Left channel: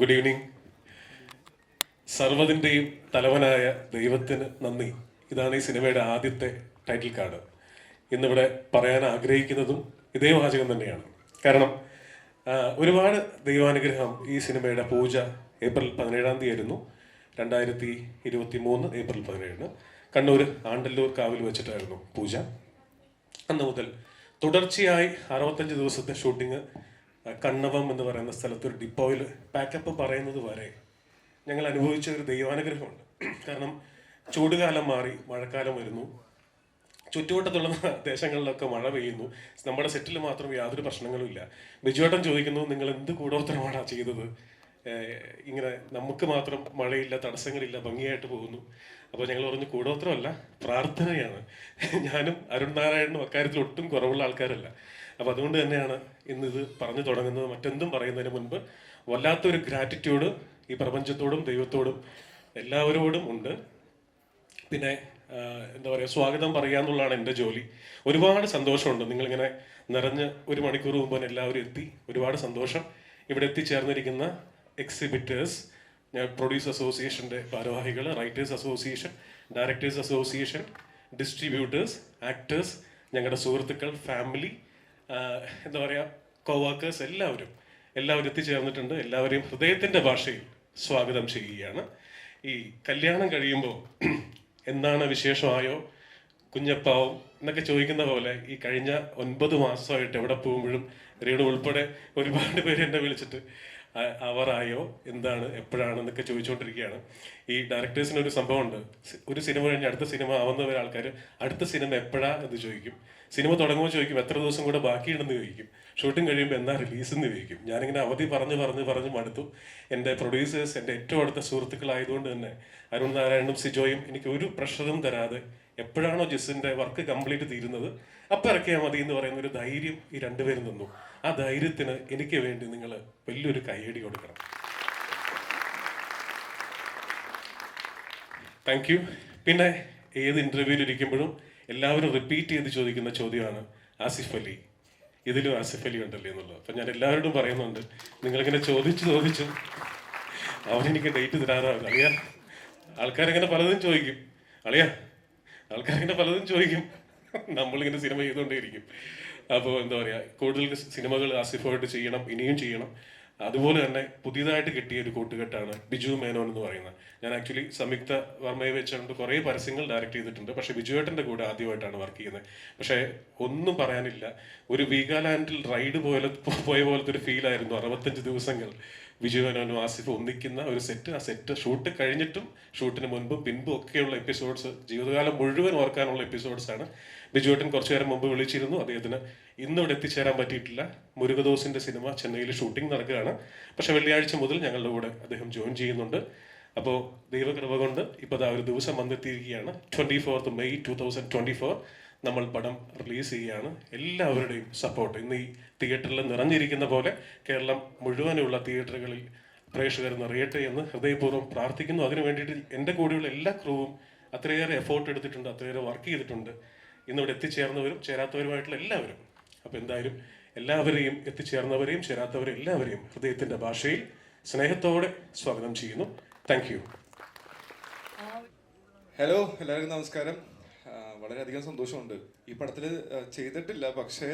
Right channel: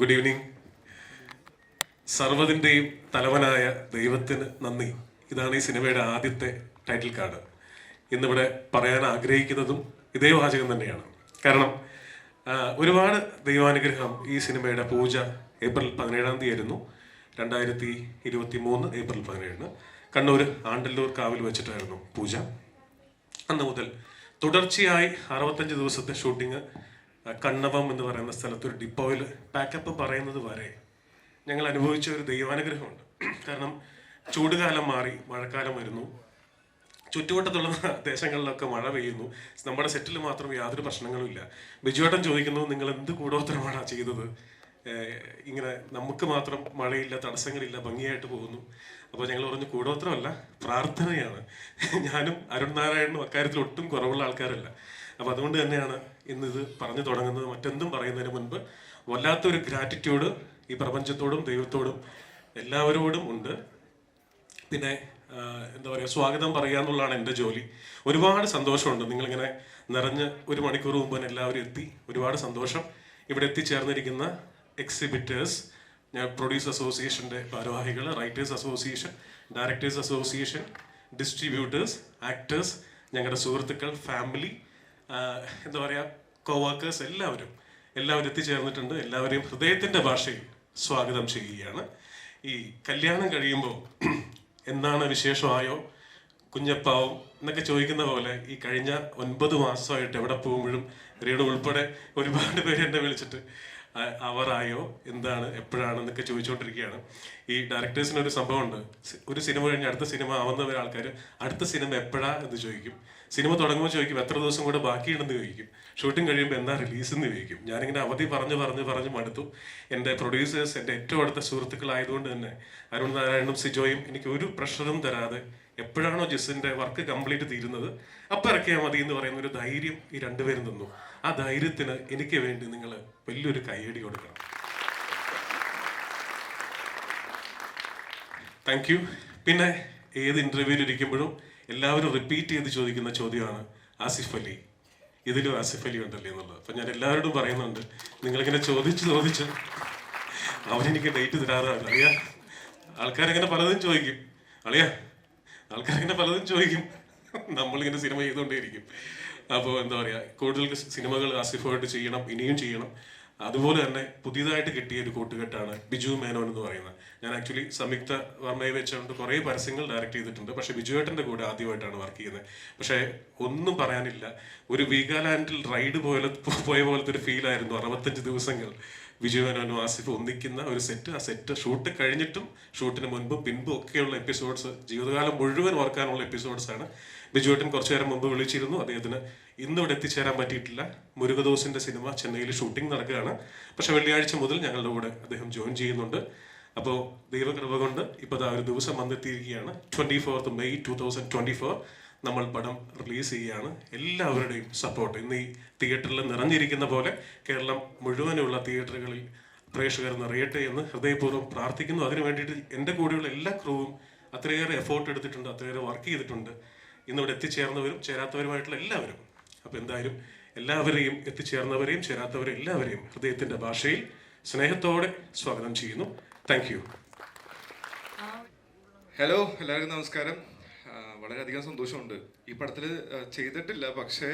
Good evening. സർവ്വതിൻ്റെയും തലവനായ ദൈവത്തിന് നന്ദി. ഇതാണ് ഈ സിനിമയുടെ ആദ്യത്തെ ടൈറ്റിൽ കാർഡ്. ഇന്നിവിടെ പറയാൻ ആഗ്രഹിക്കുന്നതും ഇതേ വാചകം തന്നെയാണ്. കാരണം ഒരുപാട് ദൈവാനുഗ്രഹം ഈ സിനിമയുടെ പൂജ ഏപ്രിൽ 17 ആയിരുന്നു. 2023 ഏപ്രിൽ 17 കണ്ണൂർ ആണ്ടല്ലൂർ കാവിൽ വെച്ചിട്ടായിരുന്നു പൂജ. അന്ന് മുതൽ തുടർച്ചയായി 65 ദിവസത്തെ ഷൂട്ടിങ് കണ്ണവം എന്ന് പറയുന്ന സ്ഥലത്ത് ഒരു ഡിപ്പോയിൽ പാക്കപ്പ് പറയുന്നത് വരെ ഞങ്ങൾ അനുഭവിച്ച ഒരു ദൈവാനുഗ്രഹമുണ്ട്. കാരണം ചൂടുകാലം മാറി മഴക്കാലം വരുന്നു, ചുറ്റുവട്ടത്തുള്ള ദേശങ്ങളിലൊക്കെ മഴ പെയ്യുന്നു, നമ്മുടെ സെറ്റിൽ മാത്രം യാതൊരു പ്രശ്നങ്ങളും ഇല്ല. ബിജുവേട്ടൻ ചോദിക്കുന്നു, നിങ്ങൾ എന്ത് കൂടോത്രമാണ് ചെയ്തത്, ഇങ്ങനെ നമുക്ക് മാത്രം മഴയില്ല, തടസ്സങ്ങളില്ല, ഭംഗിയായിട്ട് പോകുന്നു. അപ്പോൾ ഞങ്ങൾ പറഞ്ഞു കൂടോത്രമല്ല, പ്രാർത്ഥനയാണ്. ഞാനും അരുൺ നാരായണനും അക്കാര്യത്തിൽ ഒട്ടും കുറവുള്ള ആൾക്കാരല്ല. അപ്പോൾ അതുകൊണ്ട് തന്നെയാണ് ഇന്നിത് പറഞ്ഞു തുടങ്ങുന്നത്. മറ്റെന്തും പറയുന്നതിന് മുൻപ് വല്ലാത്തൊരു ഗ്രാറ്റിറ്റ്യൂഡ് ഈ പ്രപഞ്ചത്തോടും ദൈവത്തോടും എല്ലാവരോടും ഉണ്ട്. പിന്നെ എന്താ പറയുക, സ്വാഗതം പറയുക എന്നുള്ളതാണ് എൻ്റെ ജോലി. ഒരുപാട് സന്തോഷമുണ്ട്. നിങ്ങളിങ്ങനെ നിറഞ്ഞ് 1 മണിക്കൂർ മുമ്പ് തന്നെ എല്ലാവരും എത്തി. ഒരുപാട് സന്തോഷം. ഇവിടെ എത്തിച്ചേർന്നിരിക്കുന്ന എക്സിബിറ്റേഴ്സ്, ഞാൻ പ്രൊഡ്യൂസർ അസോസിയേഷൻ്റെ ഭാരവാഹികൾ, writers association, directors association, distributors, actors, ഞങ്ങളുടെ സുഹൃത്തുക്കൾ, ഫാമിലി, എന്താ പറയുക, കോവർക്കേഴ്സ്, എല്ലാവരും എത്തിച്ചേർന്നിട്ടുണ്ട്. എല്ലാവരെയും ഹൃദയത്തിൻ്റെ ഭാഷയിൽ സ്വാഗതം ചെയ്യുകയാണ്. ഈ കല്യാണം കഴിയുമ്പോൾ എന്താണ് വിശേഷമായോ കുഞ്ഞപ്പാവും എന്നൊക്കെ ചോദിക്കുന്ന പോലെ ഈ കഴിഞ്ഞ 9 മാസമായിട്ട് എവിടെ പോകുമ്പോഴും റീഡ് ഉൾപ്പെടെ ഒരുപാട് പേര് എന്നെ വിളിച്ചിട്ട് അവറായോ, എന്താണ്, എപ്പോഴാണെന്നൊക്കെ ചോദിച്ചുകൊണ്ടിരിക്കുകയാണ്. ഈ ഡയറക്ടേഴ്സിനൊരു സംഭവമുണ്ട്. ഒരു സിനിമ കഴിഞ്ഞ് അടുത്ത സിനിമ ആവുന്ന ആൾക്കാർ അടുത്ത സിനിമ എപ്പോഴാ എന്ന് ചോദിക്കും. സിനിമ തുടങ്ങുമ്പോൾ ചോദിക്കും എത്ര ദിവസം കൂടെ ബാക്കിയുണ്ടെന്ന് ചോദിക്കും. ഷൂട്ടിംഗ് കഴിയുമ്പോൾ എന്താ റിലീസ് എന്ന് ചോദിക്കും. ഞാനിങ്ങനെ അവധി പറഞ്ഞ് മടുത്തു. എൻ്റെ പ്രൊഡ്യൂസേഴ്സ് എൻ്റെ ഏറ്റവും അടുത്ത സുഹൃത്തുക്കളായതുകൊണ്ട് തന്നെ അരുൺ നാരായണനും സിജോയും എനിക്ക് ഒരു പ്രഷറും തരാതെ എപ്പോഴാണോ ജിസിൻ്റെ വർക്ക് കംപ്ലീറ്റ് തീരുന്നത് അപ്പം ഇറക്കിയാൽ മതി എന്ന് പറയുന്ന ഒരു ധൈര്യം ഈ രണ്ടുപേരും തന്നു. ആ ധൈര്യത്തിന് എനിക്ക് വേണ്ടി നിങ്ങൾ വലിയൊരു കയ്യടി കൊടുക്കണം. Thank you. പിന്നെ ഏത് ഇൻ്റർവ്യൂവിൽ ഇരിക്കുമ്പോഴും എല്ലാവരും റിപ്പീറ്റ് ചെയ്ത് ചോദിക്കുന്ന ചോദ്യമാണ് ആസിഫ് അലി, ഇതിലും ആസിഫ് അലി ഉണ്ടല്ലേ എന്നുള്ളത്. അപ്പം ഞാൻ എല്ലാവരോടും പറയുന്നുണ്ട്, നിങ്ങളിങ്ങനെ ചോദിച്ച് അവരെനിക്ക് ഡേറ്റ് തരാതാണ്. ആൾക്കാരിങ്ങനെ പലതും ചോദിക്കും, ആൾക്കാരിങ്ങനെ പലതും ചോദിക്കും. നമ്മളിങ്ങനെ സിനിമ ചെയ്തുകൊണ്ടേയിരിക്കും. അപ്പോൾ എന്താ പറയുക, കൂടുതൽ സിനിമകൾ ആസിഫായിട്ട് ചെയ്യണം, ഇനിയും ചെയ്യണം. അതുപോലെ തന്നെ പുതിയതായിട്ട് കിട്ടിയ ഒരു കൂട്ടുകെട്ടാണ് ബിജു മേനോൻ എന്ന് പറയുന്നത്. ഞാൻ ആക്ച്വലി സംയുക്ത വർമ്മയെ വെച്ചുകൊണ്ട് കുറേ പരസ്യങ്ങൾ ഡയറക്റ്റ് ചെയ്തിട്ടുണ്ട്. പക്ഷേ ബിജുവേട്ടൻ്റെ കൂടെ ആദ്യമായിട്ടാണ് വർക്ക് ചെയ്യുന്നത്. പക്ഷേ ഒന്നും പറയാനില്ല, ഒരു വീഗാലാൻഡിൽ റൈഡ് പോയ പോലത്തെ ഒരു ഫീലായിരുന്നു 65 ദിവസങ്ങൾ ബിജു മേനോനും ആസിഫും ഒന്നിക്കുന്ന ഒരു സെറ്റ്. ആ സെറ്റ് ഷൂട്ട് കഴിഞ്ഞിട്ടും ഷൂട്ടിന് മുൻപും പിൻപും ഒക്കെയുള്ള എപ്പിസോഡ്സ്, ജീവിതകാലം മുഴുവൻ ഓർക്കാനുള്ള എപ്പിസോഡ്സാണ്. ബിജുവേട്ടൻ കുറച്ചു നേരം മുമ്പ് വിളിച്ചിരുന്നു. അദ്ദേഹത്തിന് ഇന്നിവിടെ എത്തിച്ചേരാൻ പറ്റിയിട്ടില്ല. മുരുകദോസിൻ്റെ സിനിമ ചെന്നൈയിൽ ഷൂട്ടിംഗ് നടക്കുകയാണ്. പക്ഷെ വെള്ളിയാഴ്ച മുതൽ ഞങ്ങളുടെ കൂടെ അദ്ദേഹം ജോയിൻ ചെയ്യുന്നുണ്ട്. അപ്പോൾ ദൈവകൃപ കൊണ്ട് ഇപ്പോൾ ഒരു ദിവസം വന്നെത്തിയിരിക്കുകയാണ്. 24 മെയ് 2024 നമ്മൾ പടം റിലീസ് ചെയ്യുകയാണ്. എല്ലാവരുടെയും സപ്പോർട്ട് ഇന്ന് ഈ തിയേറ്ററിൽ നിറഞ്ഞിരിക്കുന്ന പോലെ കേരളം മുഴുവനുള്ള തിയേറ്ററുകളിൽ പ്രേക്ഷകർ നിറയട്ടെ എന്ന് ഹൃദയപൂർവ്വം പ്രാർത്ഥിക്കുന്നു. അതിനു വേണ്ടിയിട്ട് എൻ്റെ കൂടെയുള്ള എല്ലാ ക്രൂവും അത്രയേറെ എഫോർട്ട് എടുത്തിട്ടുണ്ട്, അത്രയേറെ വർക്ക് ചെയ്തിട്ടുണ്ട്. ഇന്നിവിടെ എത്തിച്ചേർന്നവരും ചേരാത്തവരുമായിട്ടുള്ള എല്ലാവരും. അപ്പോൾ എന്തായാലും എല്ലാവരെയും, എത്തിച്ചേർന്നവരെയും ചേരാത്തവരെയും എല്ലാവരെയും ഹൃദയത്തിൻ്റെ ഭാഷയിൽ സ്നേഹത്തോടെ സ്വാഗതം ചെയ്യുന്നു. Thank you. ഹലോ, എല്ലാവർക്കും നമസ്കാരം. വളരെയധികം സന്തോഷമുണ്ട്. ഈ പടത്തിൽ ചെയ്തിട്ടില്ല, പക്ഷേ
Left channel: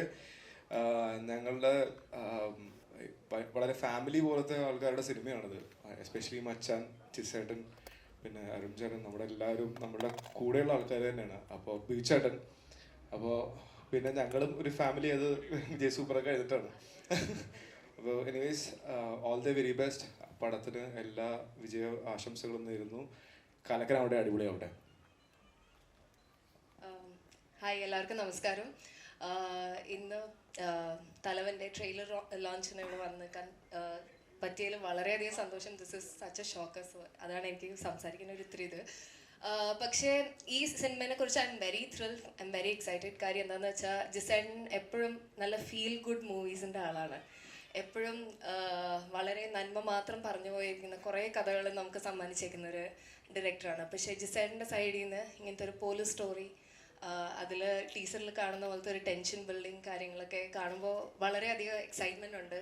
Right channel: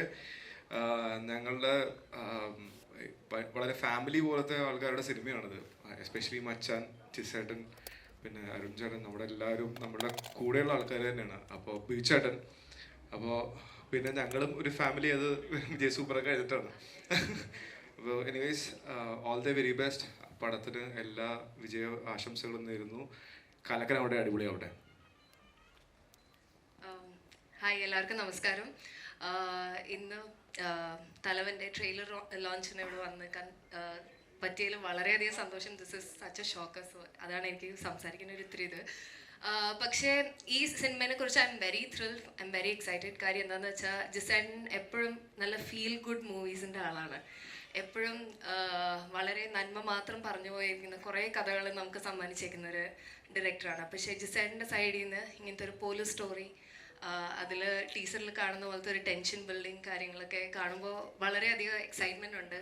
ഞങ്ങളുടെ വളരെ ഫാമിലി പോലത്തെ ആൾക്കാരുടെ സിനിമയാണിത്. എസ്പെഷ്യലി മച്ചാൻ, ചിസേട്ടൻ, പിന്നെ അരുൺ ചേട്ടൻ, നമ്മുടെ എല്ലാവരും നമ്മളുടെ കൂടെയുള്ള ആൾക്കാർ തന്നെയാണ്. അപ്പോൾ ബീച്ചേട്ടൻ, അപ്പോൾ പിന്നെ ഞങ്ങളും ഒരു ഫാമിലി, അത് വിജയ് സൂപ്പറൊക്കെ എഴുതിയിട്ടാണ്. അപ്പോൾ anyways, all the very best. പടത്തിന് എല്ലാ വിജയ ആശംസകളും നേരുന്നു. കലക്കൻ അവിടെ, അടിപൊളി അവിടെ. ഹായ്, എല്ലാവർക്കും നമസ്കാരം. ഇന്ന് തലവൻ്റെ ട്രെയിലർ ലോഞ്ചിന് ഇവിടെ വന്നിക്കാൻ പറ്റിയതിൽ വളരെയധികം സന്തോഷം. This is such A shock. So അതാണ് എനിക്ക് സംസാരിക്കുന്ന ഒരു ഇത്തിരി ഇത്. പക്ഷേ ഈ സിനിമയെ കുറിച്ച് I am very thrilled, I am very excited. കാര്യം എന്താണെന്ന് വെച്ചാൽ ജിസേൻ എപ്പോഴും നല്ല ഫീൽ ഗുഡ് മൂവീസിൻ്റെ ആളാണ്. എപ്പോഴും വളരെ നന്മ മാത്രം പറഞ്ഞു പോയിരിക്കുന്ന കുറേ കഥകൾ നമുക്ക് സമ്മാനിച്ചേക്കുന്ന ഒരു ഡയറക്ടറാണ്. പക്ഷേ ജിസേൻ്റെ സൈഡിൽ നിന്ന് ഇങ്ങനത്തെ ഒരു പോലീസ് സ്റ്റോറി, അതിൽ ടീസറിൽ കാണുന്ന പോലത്തെ ഒരു ടെൻഷൻ ബിൽഡിങ് കാര്യങ്ങളൊക്കെ കാണുമ്പോൾ വളരെയധികം എക്സൈറ്റ്മെൻ്റ് ഉണ്ട്.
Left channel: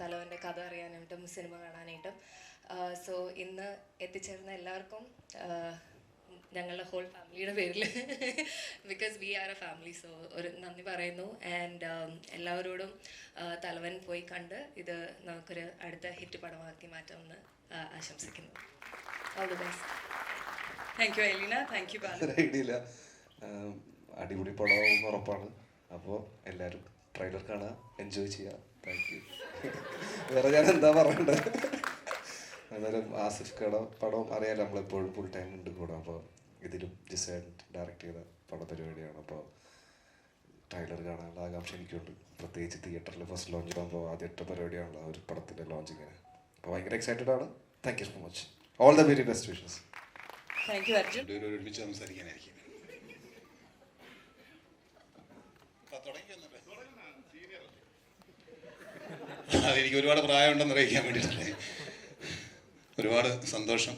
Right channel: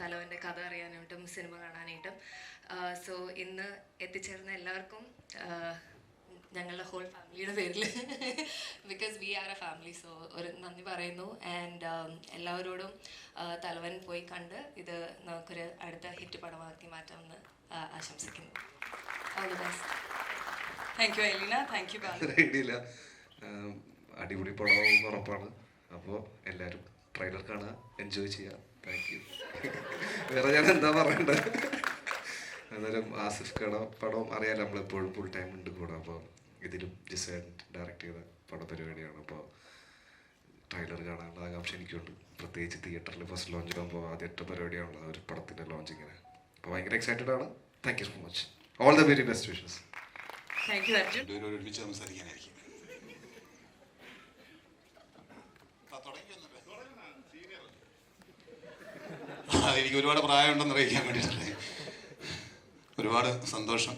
തലവൻ്റെ കഥ അറിയാനായിട്ടും സിനിമ കാണാനായിട്ടും. സോ ഇന്ന് എത്തിച്ചേർന്ന എല്ലാവർക്കും ഞങ്ങളുടെ ഹോൾ ഫാമിലിയുടെ പേരിൽ because we are a family, so ഒരു നന്ദി പറയുന്നു. ആൻഡ് എല്ലാവരോടും തലവൻ പോയി കണ്ട് ഇത് നമുക്കൊരു അടുത്ത ഹിറ്റ് പടമാക്കി മാറ്റാമെന്ന് ആശംസിക്കുന്നു. All the best. Thank you Elena, thank you. Idea അടിപൊളി പടമാവും ഉറപ്പാണ്. അപ്പോൾ എല്ലാവരും ട്രെയിലർ കാണുക, എൻജോയ് ചെയ്യുക. Thank you. വേറെ ഞാൻ എന്താ പറയണ്ടത്? എന്നാലും ആസിഫ് കട പടം അറിയാലോ, നമ്മളെപ്പോഴും ഫുൾ ടൈം ഉണ്ട് കൂടെ. അപ്പോൾ ഇതിലും ജിസേൻ ഡയറക്റ്റ് ചെയ്ത പടപരിപാടിയാണ്. അപ്പോൾ ട്രെയിലർ കാണാനുള്ള ആകാംക്ഷ എനിക്കുണ്ട്. പ്രത്യേകിച്ച് തിയേറ്ററിൽ ഫസ്റ്റ് ലോഞ്ചിലാകുമ്പോൾ ആദ്യത്തെ പരിപാടിയാണല്ലോ ഒരു പടത്തിൻ്റെ ലോഞ്ചിങ്ങിന്. അപ്പോൾ ഭയങ്കര എക്സൈറ്റഡ് ആണ്. Thank you so much. All the very best wishes. Thank you Arjun. ഒരുമിച്ച് സംസാരിക്കാനായിരിക്കും. അതെനിക്ക് ഒരുപാട് പ്രായമുണ്ടെന്ന് അറിയിക്കാൻ വേണ്ടിയിട്ടാണ്. ഒരുപാട് സന്തോഷം.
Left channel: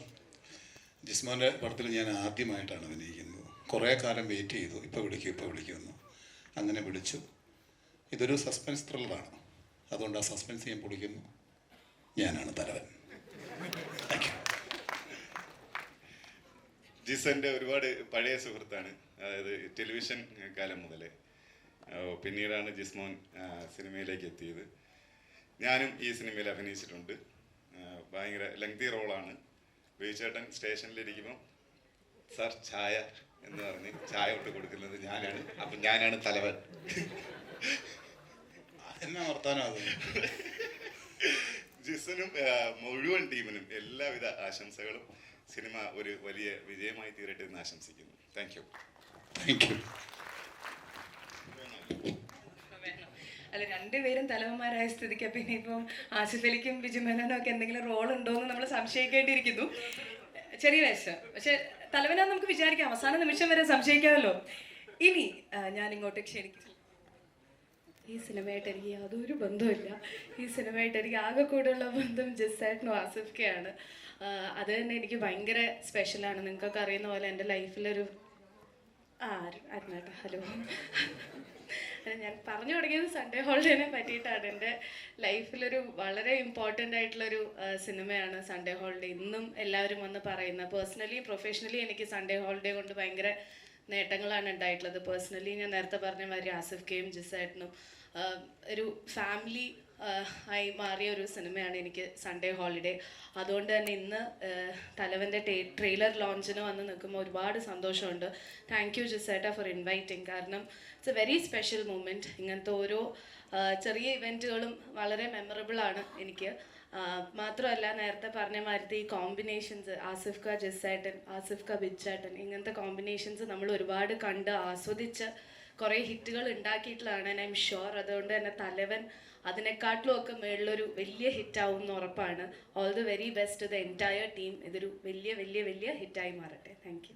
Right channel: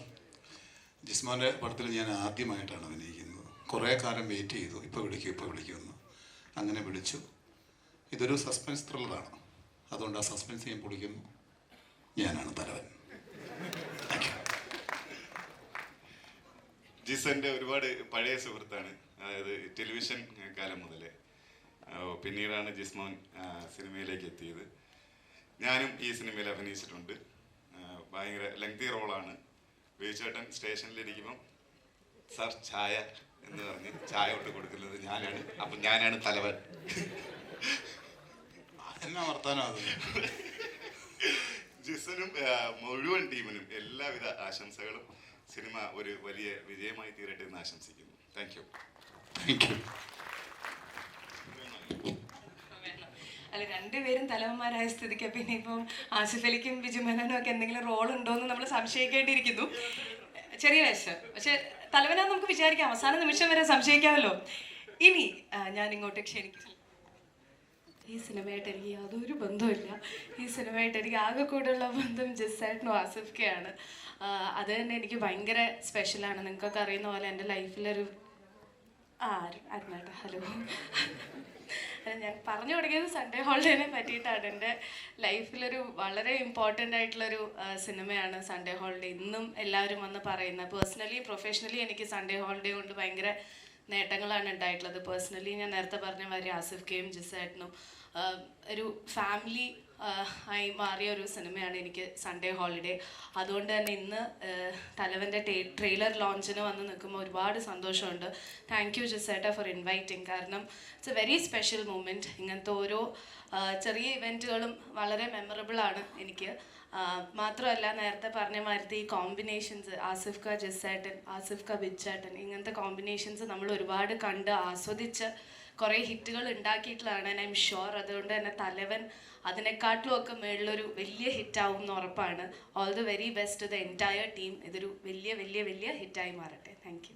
ജിസ്മാൻ്റെ പടത്തിൽ ഞാൻ ആദ്യമായിട്ടാണ് അഭിനയിക്കുന്നത്. കുറേ കാലം വെയിറ്റ് ചെയ്തു, ഇപ്പോൾ വിളിക്കുമെന്ന്. അങ്ങനെ വിളിച്ചു. ഇതൊരു സസ്പെൻസ് ത്രില്ലറാണ്, അതുകൊണ്ട് ആ സസ്പെൻസ് ഞാൻ പൊളിക്കുന്നു. ഞാനാണ് തലവൻ. ജിസന്റെ ഒരുപാട് പഴയ സുഹൃത്താണ്, അതായത് ടെലിവിഷൻ കാലം മുതലേ. പിന്നീടാണ് ജിസ്മോൻ സിനിമയിലേക്ക് എത്തിയത്. ഞാനും ഈ സിനിമയിൽ അഭിനയിച്ചിട്ടുണ്ട്. ഭയങ്കര ലെങ്തി റോളാണ്. ബേച്ചേട്ടൻ സ്റ്റേഷനിലിരിക്കുമ്പം സാർ ചായ എന്ന് പറഞ്ഞ് ചായ ഇട്ട് കൊടുക്കുന്നത് ഞാനാണ്. അപ്പം ഞാനാണ് തലവൻ. അതെന്നാ വർത്താനം. ജിസനും മുഴുവൻ ടീമിനും എല്ലാവിധ ആശംസകളും. സിനിമ ഒരു വലിയ വിജയമായി തീരട്ടെ എന്ന് ആശംസിക്കുന്നു. Thank you. അല്ല, രണ്ടുപേരും തലവന്മാരായ സ്ഥിതിക്ക് പിന്നെ ഇപ്പം ആസിഫ് അലിക്കും ബിജു മേനോനും ഒക്കെ എന്തെങ്കിലും റോൾ ഉണ്ടോ എന്ന് നമ്മൾ സംശയിക്കേണ്ടിയിരിക്കുന്നു. ചെറിയ വയസ്സ്, പക്ഷെ തലവനാന്ന് നമുക്ക് വിചാരിക്കാം. അവസാന നിമിഷം വരെ സംശയിക്കാമല്ലോ. ഇനി ഞാൻ ഇങ്ങോട്ട് ക്ഷണിക്കും. ഈ സിനിമയായിട്ട് എനിക്ക് യാതൊരു ബന്ധമില്ല. ഈ സിനിമയായിട്ട് എനിക്ക് ആകെ കൂടെയുള്ള ബന്ധം ജിസേട്ടനും ആസിഫ്ക്കെയാണ്. അത് തന്നെ എനിക്ക് ഭയങ്കര സ്പെഷ്യലാണ്. നിങ്ങൾക്കൊക്കെ അറിയുന്ന പോലെ എൻ്റെ ലൈഫിലൊരു ഹലോ ഞാൻ പറഞ്ഞു തുടങ്ങിയത് സൺഡേ ഹോളിഡേനെ പറ്റിയിട്ടാണ്. എൻ്റെ ലൈഫിലൊരു വളരെ ഇമ്പോർട്ടൻ്റ് ആയിട്ടുള്ളൊരു സിനിമയാണ് സൺഡേ ഹോളിഡേ. ഇന്നും എല്ലാവരും വന്ന് പറയുന്നത്. പേഴ്സണലി പ്രൊഫഷണലി എനിക്ക് സൺഡേ ഹോളിഡേ കൊണ്ട് ഭയങ്കര നേട്ടങ്ങളാണ് ഉണ്ടായിട്ടുള്ളത്. പേഴ്സണലി ഞാൻ നേരത്തെ പറഞ്ഞ മാതിരി ആസിഫ്ക്കെയും ജിസേട്ടനും ഒരു ഫാമിലി ആയി മാറിയ ഒരു സിനിമയാണ് എനിക്ക് സൺഡേ ഹോളിഡേ. അതുകൊണ്ട് തന്നെ ഇന്ന് തലവൻ്റെ ട്രെയിലർ ലോഞ്ചിന് വന്ന് നിൽക്കുമ്പോൾ ഒരുപാട് സന്തോഷമുണ്ട്. താങ്ക് യു ജിസേട്ട ഫോർ ഇൻവൈറ്റിംഗ്. കാരണം it's a very special moment. ഇങ്ങനത്തെ ഓരോ ചെറിയ ഇവൻറ്റുകളും വളരെ മെമ്മറബിൾ ആണ് എനിക്ക്. മാത്രമല്ല നേരത്തെ പറഞ്ഞ മാതിരി ഈ കോമ്പിനേഷൻസ് ആസിഫ് ക ജിസേട്ടൻ, ആസിഫ് ക ബിജേട്ടൻ, ഇങ്ങനത്തെ കോമ്പിനേഷൻസ് നമ്മൾ ഒരുപാട് കണ്ട് ആസ്വദിച്ച് കുറേ ഹിറ്റുകൾ ഉണ്ടാക്കിയിട്ടുള്ളതാണ്. I am sure. അതുകൊണ്ട് തന്നെ തലവൻ അതിനെക്കാട്ടും ഒക്കെ മേളിലൊരു വലിയ ഹിറ്റാവും എന്ന് ഉറപ്പാണ്. All the very best the entire team. ഇതൊരു വലിയ വലിയ വലിയ ഹിറ്റായി മാറട്ടെ. Thank you.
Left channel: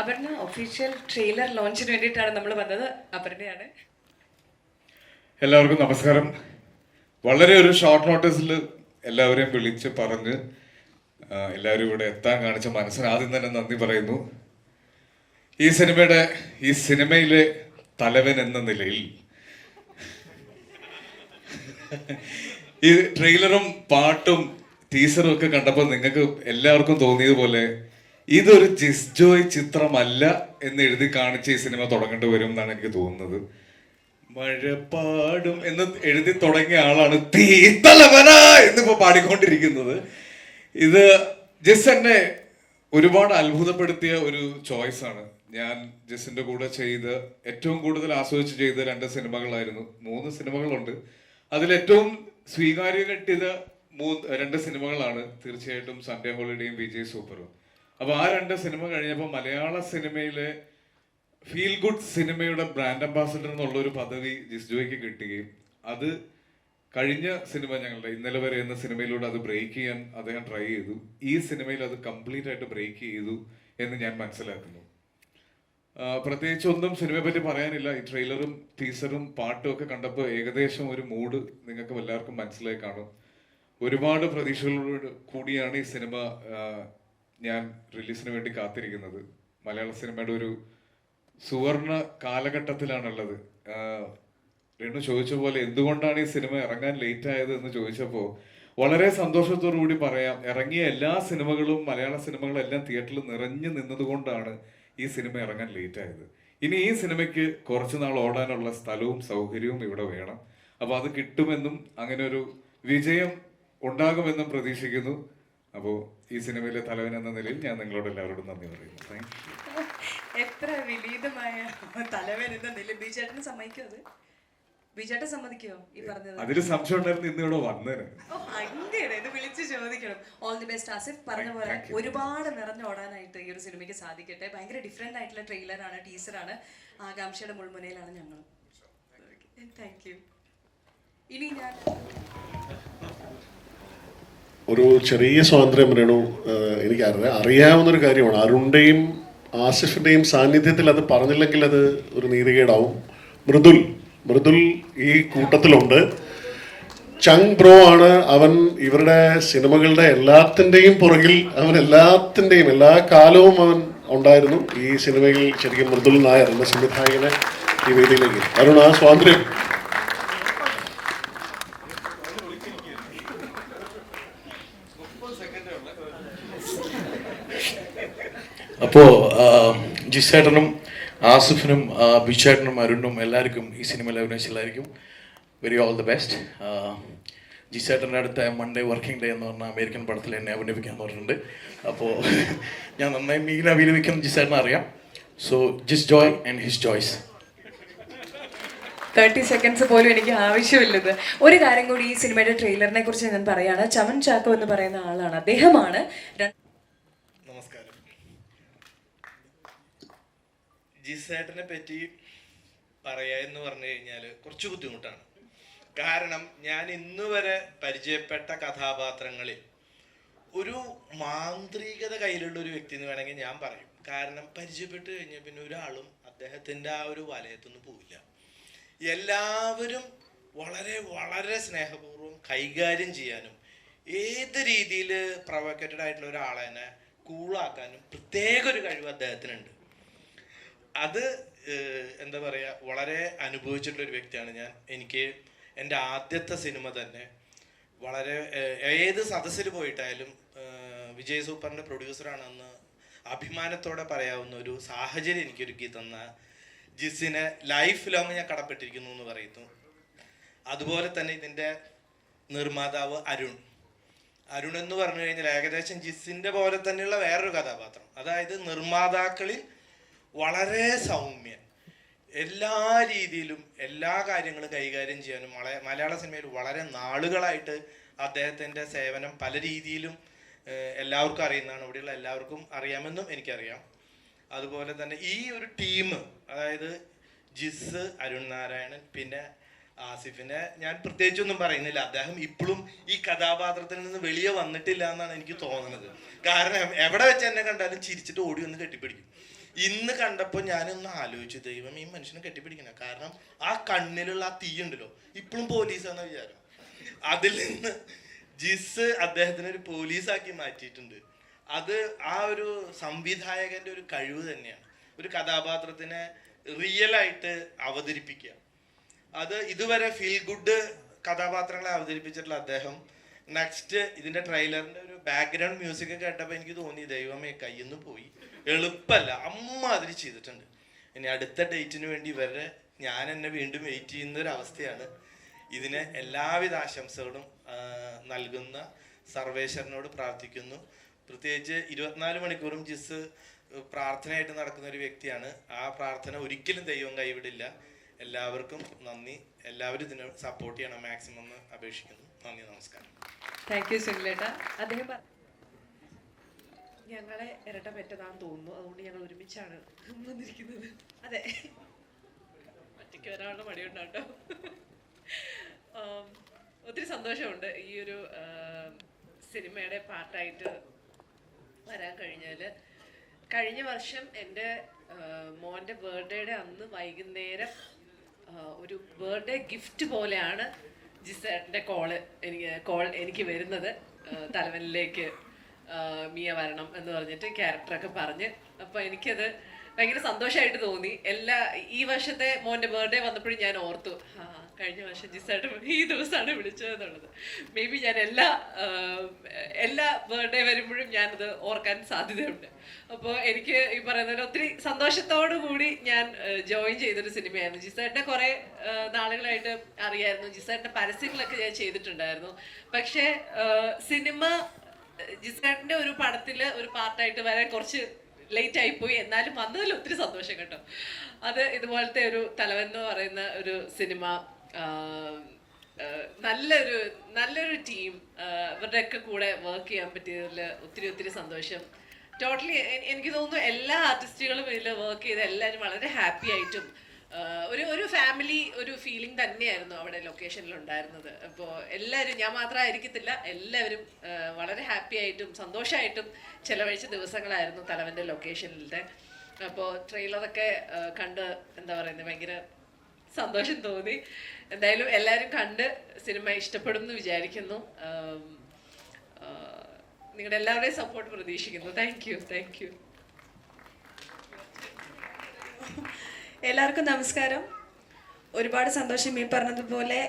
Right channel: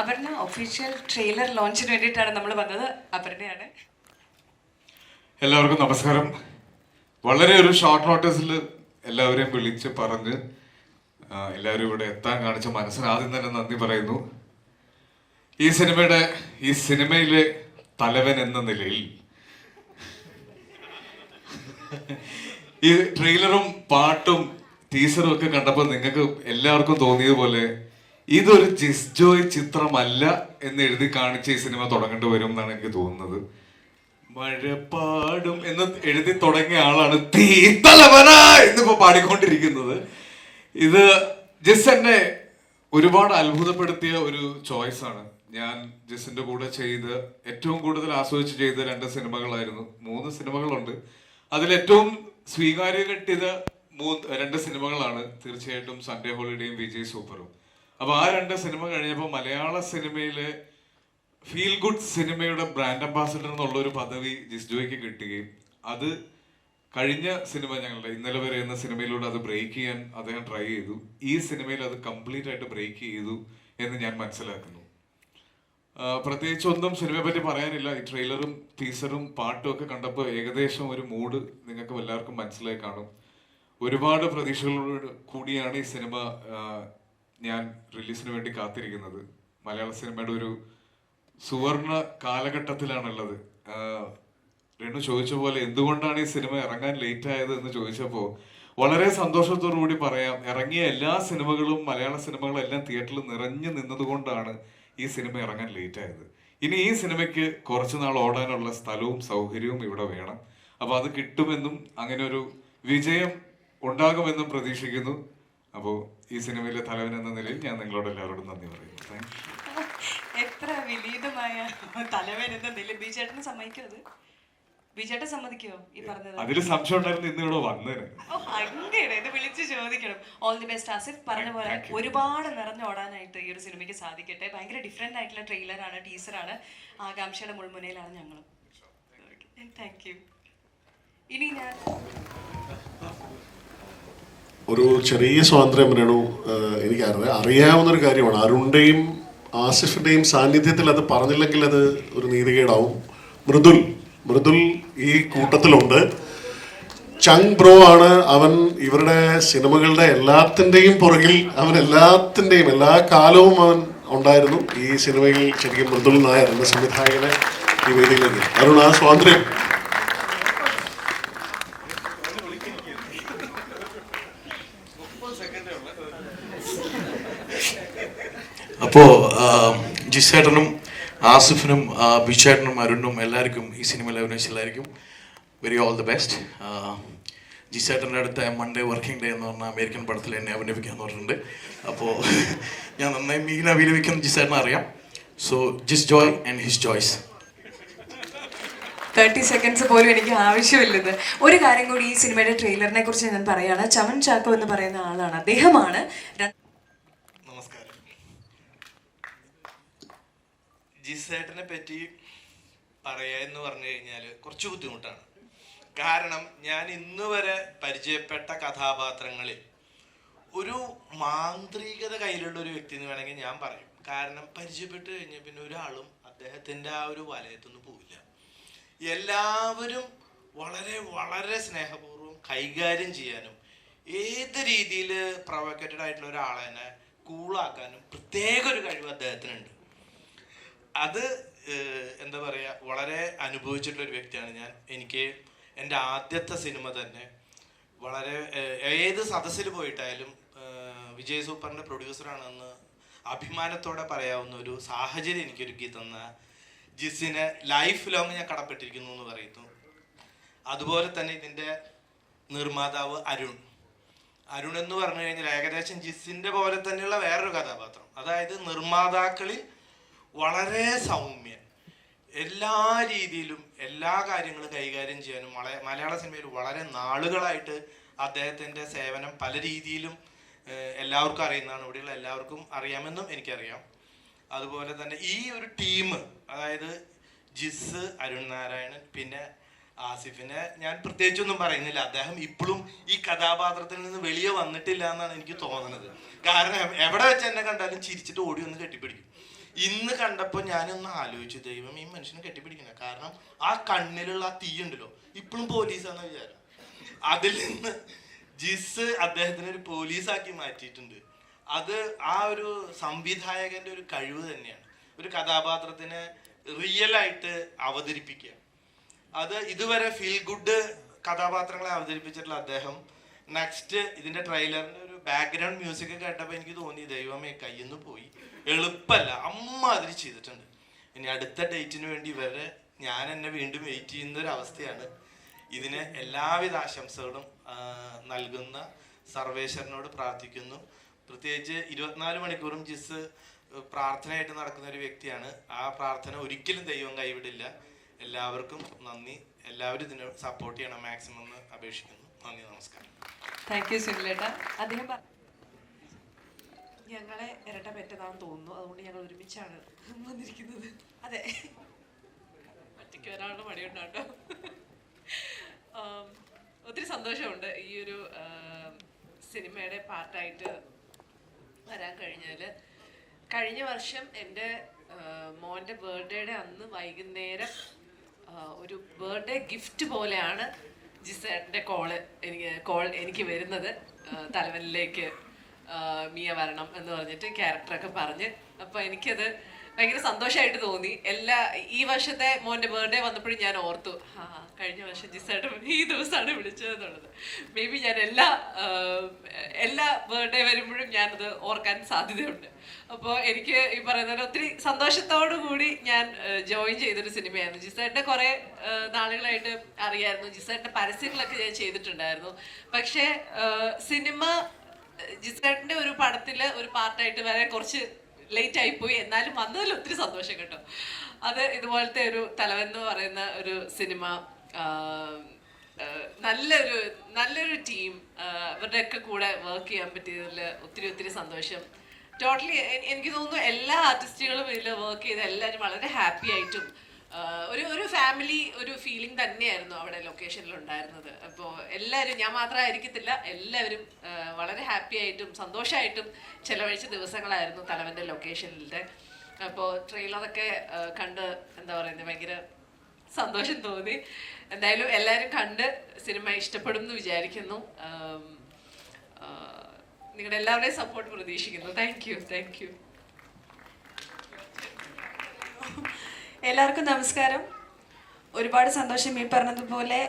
Aparna official trailer ലോഞ്ചിന് വേണ്ടിയിട്ടാണ് നമ്മൾ വന്നത്. അപർണയാണ്. എല്ലാവർക്കും നമസ്കാരം. വളരെ ഒരു ഷോർട്ട് നോട്ടീസിൽ എല്ലാവരെയും വിളിച്ച് പറഞ്ഞ് എല്ലാവരും ഇവിടെ എത്താൻ കാണിച്ച മനസ്സിന് ആദ്യം തന്നെ നന്ദി പറയുന്നു. ഈ സിനിമയിലെ തലവൻ എന്ന നിലയിൽ ഈ ട്രെയിലറും പാട്ടും ടീസറും ഒക്കെ കണ്ടപ്പോൾ നിങ്ങൾക്ക് എല്ലാവർക്കും തോന്നിയതുപോലെ ഇതൊരു ജിസ്ജോയ് ചിത്രമല്ല എന്ന് എഴുതി കാണിച്ച് ഈ സിനിമ തുടങ്ങേണ്ടി വരും എന്നാണ് എനിക്ക് തോന്നുന്നത്. മഴപ്പാടും എന്ന് എഴുതി തുടങ്ങിയ ആളാണ് തീ തലവനാ എന്നിപ്പോ പാടിക്കൊണ്ടിരിക്കുന്നത്. ഇത് ജസ് എന്നെ ഒരുപാട് അത്ഭുതപ്പെടുത്തിയ ഒരു ചോയ്സ് ആണ്. ഞാൻ ജസിന്റെ കൂടെ ചെയ്ത് ഏറ്റവും കൂടുതൽ ആസ്വദിച്ച് ചെയ്ത 2 സിനിമകളായിരുന്നു. 3 സിനിമകളുണ്ട്. അതിലേറ്റവും സ്വീകാര്യം കിട്ടിയത് 2 സിനിമകളാണ്. തീർച്ചയായിട്ടും സൺഡേ ഹോളിഡേയും വിജയ് സൂപ്പറും. അപ്പൊ ആ 2 സിനിമ കഴിഞ്ഞപ്പോൾ മലയാള സിനിമയിലെ ഫീൽ ഗുഡ് സിനിമയുടെ ബ്രാൻഡ് അംബാസിഡർ എന്നുള്ള ഒരു പദവി ജിസ്ജോയ്ക്ക് കിട്ടുകയും അത് കഴിഞ്ഞ സിനിമ ഞങ്ങളുടെ ഇന്നലെ വരെ എന്ന സിനിമയിലൂടെ അത് ബ്രേക്ക് ചെയ്യാൻ അദ്ദേഹം ട്രൈ ചെയ്തു. ഈ സിനിമയിൽ അത് കംപ്ലീറ്റ് ആയിട്ട് ബ്രേക്ക് ചെയ്തു എന്ന് ഞാൻ മനസ്സിലാക്കുന്നു. പ്രത്യേകിച്ച് ഒന്നും സിനിമയെ പറ്റി പറയാനില്ല. ഈ ട്രെയിലറും ടീസറും പാട്ടും ഒക്കെ കണ്ടപ്പോൾ ഏകദേശം ഒരു മൂഡ് നിങ്ങൾക്ക് എല്ലാവർക്കും മനസ്സിലായി കാണും. ഒരുപാട് പ്രതീക്ഷകളോട് കൂടിയാണ് ഈ സിനിമ ഞാൻ റിലീസിന് വേണ്ടി കാത്തിരിക്കുന്നത്. മലയാള സിനിമയുടെ ഒരു സുവർണ കാലഘട്ടത്തിലാണുള്ളത്. രണ്ടു ചോദിച്ച പോലെ എന്തുകൊണ്ടാണ് ഈ സിനിമ ഇറങ്ങാൻ ലേറ്റ് ആയത് എന്ന് ചോദിച്ചപ്പോൾ വളരെ സന്തോഷത്തോടു കൂടി പറയാം, ഇറങ്ങിയ എല്ലാ സിനിമകളും മലയാള സിനിമകളെല്ലാം തിയേറ്ററിൽ നിറഞ്ഞു നിന്നതുകൊണ്ടാണ് ഈ സിനിമ ഇറങ്ങാൻ ലേറ്റ് ആയത്. ഇനി ഈ സിനിമയ്ക്ക് കുറച്ചു നാൾ ഓടാനുള്ള സ്ഥലവും സൗകര്യവും ഇവിടെ വേണം. അപ്പോൾ അത് കിട്ടുമെന്നും അങ്ങനെ ഒരു വിജയം ഉണ്ടാകുമെന്നും പ്രതീക്ഷിക്കുന്നു. അപ്പോൾ ഈ സിനിമയിലെ തലവൻ എന്ന നിലയിൽ ഞാൻ നിങ്ങളോട് എല്ലാവരോടും നന്ദി പറയുന്നു. Thank you. എത്ര വിനീതമായ തലവൻ എന്ന നില. ബിജേട്ടന് സമ്മതിക്കോ? അത് ബിജേട്ടൻ സമ്മതിക്കോ ഈ പറഞ്ഞത്? അതിൽ സംശയം ഉണ്ടായിരുന്നു ഇന്ന് ഇവിടെ വന്നേനെ. അങ്ങനെ ഇത് വിളിച്ച് ചോദിക്കണം. All the best Asif. പറഞ്ഞ പോലെ ഒരുപാട് നിറഞ്ഞോടാനായിട്ട് ഈ ഒരു സിനിമയ്ക്ക് സാധിക്കട്ടെ. ഭയങ്കര ഡിഫറെന്റ് ആയിട്ടുള്ള ട്രെയിലറാണ്, ടീസറാണ്. ആകാംക്ഷയുടെ മുൾമുനയിലാണ് ഞങ്ങളും. Thank you. ഇനി ഞാൻ ഒരു ചെറിയ സ്വാതന്ത്ര്യം രേണു എനിക്ക് അറിയാവുന്നൊരു കാര്യമാണ്. അരുണിൻ്റെയും ആസിഫിൻ്റെയും സാന്നിധ്യത്തിൽ അത് പറഞ്ഞില്ലെങ്കിൽ അത് ഒരു നീതികേടാവും. മൃദുൽ ഈ കൂട്ടത്തിലുണ്ട്. ചങ് ബ്രോ ആണ് അവൻ. ഇവരുടെ സിനിമകളുടെ എല്ലാത്തിൻ്റെയും പുറകിൽ അവൻ എല്ലാ കാലവും അവൻ ഉണ്ടായിരുന്നു. ഈ സിനിമയിൽ ശരിക്കും മൃദുൽ നായർ എന്ന സംവിധായകനെ ഈ വേദിയിലേക്ക് അരുൺ ആ സ്വാതന്ത്ര്യം. അപ്പോൾ ജിസേട്ടനും ആസിഫിനും ബിച്ചേട്ടനും അരുണും എല്ലാവർക്കും ഈ സിനിമയിൽ അഭിനയിച്ച എല്ലാവർക്കും വെരി ഓൾ ദി ബെസ്റ്റ്. ജിസേട്ടൻ്റെ അടുത്ത മൺഡേ വർക്കിംഗ് ഡേ എന്ന് പറഞ്ഞാൽ അമേരിക്കൻ പടത്തിൽ എന്നെ അഭിനയിപ്പിക്കാന്ന് പറഞ്ഞിട്ടുണ്ട്. അപ്പോൾ ഞാൻ നന്നായി മീൻ അഭിനയിക്കുന്ന ജിസേട്ടനെ അറിയാം. So Jis Joy and his choice. 30 seconds പോലും എനിക്ക് ആവശ്യമില്ലത്. ഒരു കാര്യം കൂടി ഈ സിനിമയുടെ ട്രെയിലറിനെ കുറിച്ച് ഞാൻ പറയുകയാണ്. ചമൻ ചാക്കോ എന്ന് പറയുന്ന ആളാണ്, അദ്ദേഹമാണ് ജിസേട്ടനെ പറ്റി പറയുക എന്ന് പറഞ്ഞു കഴിഞ്ഞാൽ കുറച്ച് ബുദ്ധിമുട്ടാണ്. കാരണം ഞാൻ ഇന്ന് വരെ പരിചയപ്പെട്ട കഥാപാത്രങ്ങളിൽ ഒരു മാന്ത്രികത കയ്യിലുള്ള ഒരു വ്യക്തി എന്ന് വേണമെങ്കിൽ ഞാൻ പറയും. കാരണം പരിചയപ്പെട്ട് കഴിഞ്ഞാൽ പിന്നെ ഒരാളും അദ്ദേഹത്തിൻ്റെ ആ ഒരു വലയത്തൊന്നും പോവില്ല. എല്ലാവരും വളരെ വളരെ സ്നേഹപൂർവ്വം കൈകാര്യം ചെയ്യാനും ഏത് രീതിയിൽ പ്രൊവോക്കേറ്റഡ് ആയിട്ടുള്ള ഒരാളെ തന്നെ കൂളാക്കാനും പ്രത്യേക ഒരു കഴിവ് അദ്ദേഹത്തിനുണ്ട്. അത് എന്താ പറയുക, വളരെ അനുഭവിച്ചിട്ടുള്ള ഒരു വ്യക്തിയാണ് ഞാൻ. എനിക്ക് എൻ്റെ ആദ്യത്തെ സിനിമ തന്നെ വളരെ ഏത് സദസ്സിൽ പോയിട്ടായാലും വിജയ് സൂപ്പറിൻ്റെ പ്രൊഡ്യൂസറാണെന്ന് അഭിമാനത്തോടെ പറയാവുന്ന ഒരു സാഹചര്യം എനിക്ക് ഒരുക്കി തന്ന ജിസിനെ ലൈഫ് ലോങ് ഞാൻ കടപ്പെട്ടിരിക്കുന്നു എന്ന് പറയുന്നു. അതുപോലെ തന്നെ ഇതിൻ്റെ നിർമ്മാതാവ് അരുൺ എന്ന് പറഞ്ഞു കഴിഞ്ഞാൽ ഏകദേശം ജിസിൻ്റെ പോലെ തന്നെയുള്ള വേറൊരു കഥാപാത്രം. അതായത് നിർമ്മാതാക്കളിൽ വളരെ സൗമ്യൻ, എല്ലാ രീതിയിലും എല്ലാ കാര്യങ്ങളും കൈകാര്യം ചെയ്യാനും മലയാള സിനിമയിൽ വളരെ നാളുകളായിട്ട് അദ്ദേഹത്തിൻ്റെ സേവനം പല രീതിയിലും എല്ലാവർക്കും അറിയുന്നതാണ്. ഇവിടെയുള്ള എല്ലാവർക്കും അറിയാമെന്നും എനിക്കറിയാം. അതുപോലെ തന്നെ ഈ ഒരു ടീം, അതായത് ജിസ്, അരുൺ നാരായണൻ, പിന്നെ ആസിഫിനെ ഞാൻ പ്രത്യേകിച്ചൊന്നും പറയുന്നില്ല. അദ്ദേഹം ഇപ്പോഴും ഈ കഥാപാത്രത്തിൽ നിന്ന് വെളിയെ വന്നിട്ടില്ല എന്നാണ് എനിക്ക് തോന്നുന്നത്. കാരണം എവിടെ വെച്ച് എന്നെ കണ്ടാലും ചിരിച്ചിട്ട് ഓടി ഒന്ന് കെട്ടിപ്പിടിക്കും. ഇന്ന് കണ്ടപ്പോൾ ഞാനൊന്ന് ആലോചിച്ചു, ദൈവം ഈ മനുഷ്യനെ കെട്ടിപ്പിടിക്കണം. കാരണം ആ കണ്ണിലുള്ള ആ തീ ഉണ്ടല്ലോ, ഇപ്പോഴും പോലീസാണെന്ന് വിചാരം. അതിൽ നിന്ന് ജിസ് അദ്ദേഹത്തിനെ ഒരു പോലീസാക്കി മാറ്റിയിട്ടുണ്ട്. അത് ആ ഒരു സംവിധായകന്റെ ഒരു കഴിവ് തന്നെയാണ്. ഒരു കഥാപാത്രത്തിനെ റിയലായിട്ട് അവതരിപ്പിക്കുക. അത് ഇതുവരെ ഫീൽ ഗുഡ് കഥാപാത്രങ്ങളെ അവതരിപ്പിച്ചിട്ടുള്ള അദ്ദേഹം നെക്സ്റ്റ് ഇതിന്റെ ട്രെയിലറിന്റെ ഒരു ബാക്ക്ഗ്രൗണ്ട് മ്യൂസിക് കേട്ടപ്പോൾ എനിക്ക് തോന്നി, ദൈവമേ കയ്യിന്ന് പോയി, എളുപ്പമല്ല, അമ്മ അതിൽ ചെയ്തിട്ടുണ്ട്. ഇനി അടുത്ത ഡേറ്റിന് വേണ്ടി ഇവരെ ഞാൻ എന്നെ വീണ്ടും വെയിറ്റ് ചെയ്യുന്ന ഒരു അവസ്ഥയാണ്. ഇതിന് എല്ലാവിധ ആശംസകളും നൽകുന്ന സർവേശ്വരനോട് പ്രാർത്ഥിക്കുന്നു. പ്രത്യേകിച്ച് 24 മണിക്കൂറും ജിസ് പ്രാർത്ഥനയായിട്ട് നടക്കുന്ന ഒരു വ്യക്തിയാണ്. ആ പ്രാർത്ഥന ഒരിക്കലും ദൈവം കൈവിടില്ല. എല്ലാവർക്കും നന്ദി. എല്ലാവരും ഇതിന് സപ്പോർട്ട് ചെയ്യണം മാക്സിമം എന്ന് അപേക്ഷിക്കുന്നു. നന്ദി, നമസ്കാരം. താങ്ക് യു സുനിലേട്ടാ. അദ്ദേഹം ഞങ്ങളെ ഇരട്ട പറ്റതാണെന്ന് തോന്നുന്നു, അതുകൊണ്ട് ഞങ്ങൾ ഒരുമിച്ചാണ് വന്നിരിക്കുന്നത്. അതെ, ഒരാളുടെ മടിയുണ്ടാട്ടോ. ഒത്തിരി സന്തോഷമുണ്ട് ഈ ഒരു സിനിമയുടെ പാർട്ടായിട്ട് വരാൻ കഴിഞ്ഞാൽ. കഴിഞ്ഞ വർഷം എൻ്റെ മോൻ്റെ ബർത്ത്ഡേയുടെ അന്ന് വൈകുന്നേരം ഒരു ബർത്ത്ഡേ ഗിഫ്റ്റ് പോലെയാണ് ജിസേട്ടൻ്റെ കോൾ എനിക്ക് വരുന്നത്. തലവനിലേക്ക് മിയ വരണം എന്ന് പറഞ്ഞിട്ട് ക്യാരക്ടറൊക്കെ പറഞ്ഞ്. അപ്പോൾ എനിക്കത് ഭയങ്കര സന്തോഷമായിട്ട് തോന്നി. ഈ വർഷത്തെ മോൻ്റെ ബർത്ത്ഡേ വന്നപ്പോഴും ഞാൻ ഓർത്തു, കഴിഞ്ഞ വർഷം ജിസേട്ടൻ ഈ ദിവസമാണ് വിളിച്ചത് എന്നുള്ളത്. മേ ബി ഞാൻ എല്ലാ ബർത്ത്ഡേ വരുമ്പോഴും ഞാനത് ഓർക്കാൻ സാധ്യതയുണ്ട്. അപ്പോൾ എനിക്ക് ഈ പറയുന്നത് ഒത്തിരി സന്തോഷത്തോടു കൂടി ഞാൻ ജോയിൻ ചെയ്തൊരു സിനിമയായിരുന്നു. ജിസേട്ടനെ കുറേ നാളുകളായിട്ട് അറിയായിരുന്നു. ജിസേട്ടൻ്റെ പരസ്യങ്ങളൊക്കെ ഞാൻ ചെയ്തിട്ടുണ്ടായിരുന്നു. പക്ഷേ സിനിമ ജിസേട്ടൻ്റെ ഒരു പടത്തിൽ ഒരു പാർട്ടായിട്ട് വരാൻ കുറച്ച് ലേറ്റ് ആയിപ്പോയി. എന്നാലും വന്നതിൽ ഒത്തിരി സന്തോഷം കേട്ടോ. അത് ഇതുപോലത്തെ ഒരു തലവൻ എന്ന് പറയുന്ന ഒരു സിനിമ, നല്ലൊരു ടീം, ഇവരുടെയൊക്കെ കൂടെ വർക്ക് ചെയ്യാൻ പറ്റിയതിൽ ഒത്തിരി സന്തോഷം. ടോട്ടലി എനിക്ക് തോന്നുന്നു എല്ലാ ആർട്ടിസ്റ്റുകളും ഇതിൽ വർക്ക് ചെയ്ത് എല്ലാവരും വളരെ ഹാപ്പി ആയിട്ടും ഒരു ഫാമിലി ഒരു ഫീലിംഗ് തന്നെയായിരുന്നു അവിടെ ലൊക്കേഷനിൽ ഉണ്ടായിരുന്നത്. അപ്പോൾ എല്ലാവരും, ഞാൻ മാത്രമായിരിക്കത്തില്ല, എല്ലാവരും വളരെ ഹാപ്പി ആയിട്ടും സന്തോഷമായിട്ടും ചെലവഴിച്ച ദിവസങ്ങളായിരുന്നു തലവൻ്റെ ലൊക്കേഷനിലത്തെ. അപ്പോൾ ട്രെയിലറൊക്കെ കണ്ട് എന്താ പറയുന്നത് ഭയങ്കര സന്തോഷം തോന്നി. എന്തായാലും എല്ലാവരും കണ്ട് സിനിമ ഇഷ്ടപ്പെടും എന്ന് വിചാരിക്കുന്നു. നിങ്ങളുടെ എല്ലാവരുടെയും സപ്പോർട്ട് പ്രതീക്ഷിക്കുന്നു. Thank you. എല്ലാവർക്കും നമസ്കാരം. ഒരുപാട് സന്തോഷം. ഈ പറഞ്ഞതുപോലെ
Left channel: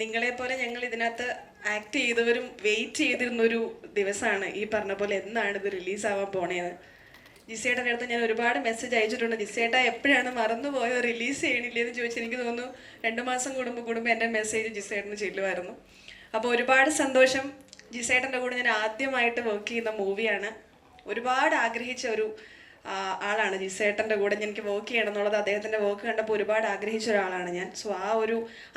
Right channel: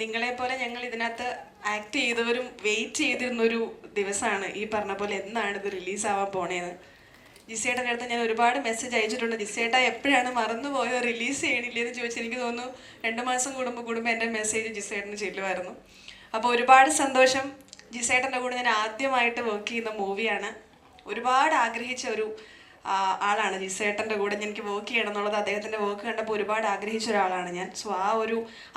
നിങ്ങളെപ്പോലെ ഞങ്ങൾ ഇതിനകത്ത് ആക്ട് ചെയ്തവരും വെയിറ്റ് ചെയ്തിരുന്നൊരു ദിവസമാണ് ഈ പറഞ്ഞ പോലെ എന്നാണ് ഇത് റിലീസാവാൻ പോണേന്ന്. ജിസേട്ടൻ്റെ അടുത്ത് ഞാൻ ഒരുപാട് മെസ്സേജ് അയച്ചിട്ടുണ്ട്. ജിസേട്ട എപ്പോഴാണ് മറന്നുപോയോ, റിലീസ് ചെയ്യണില്ലെന്ന് ചോദിച്ചാൽ എനിക്ക് തോന്നുന്നു 2 മാസം കൂടുമ്പോൾ എൻ്റെ മെസ്സേജ് ജിസേട്ടന് ചെല്ലുമായിരുന്നു. അപ്പോൾ ഒരുപാട് സന്തോഷം. ജിസേട്ടൻ്റെ കൂടെ ഞാൻ ആദ്യമായിട്ട് വർക്ക് ചെയ്യുന്ന മൂവിയാണ്. ഒരുപാട് ആഗ്രഹിച്ച ഒരു ആളാണ് ജിസേട്ടൻ്റെ കൂടെ എനിക്ക് വർക്ക് ചെയ്യണം എന്നുള്ളത്. അദ്ദേഹത്തിൻ്റെ വർക്ക് കണ്ടപ്പോൾ ഒരുപാട് ആഗ്രഹിച്ച ഒരാളാണ് ഞാൻ. സോ ആ ഒരു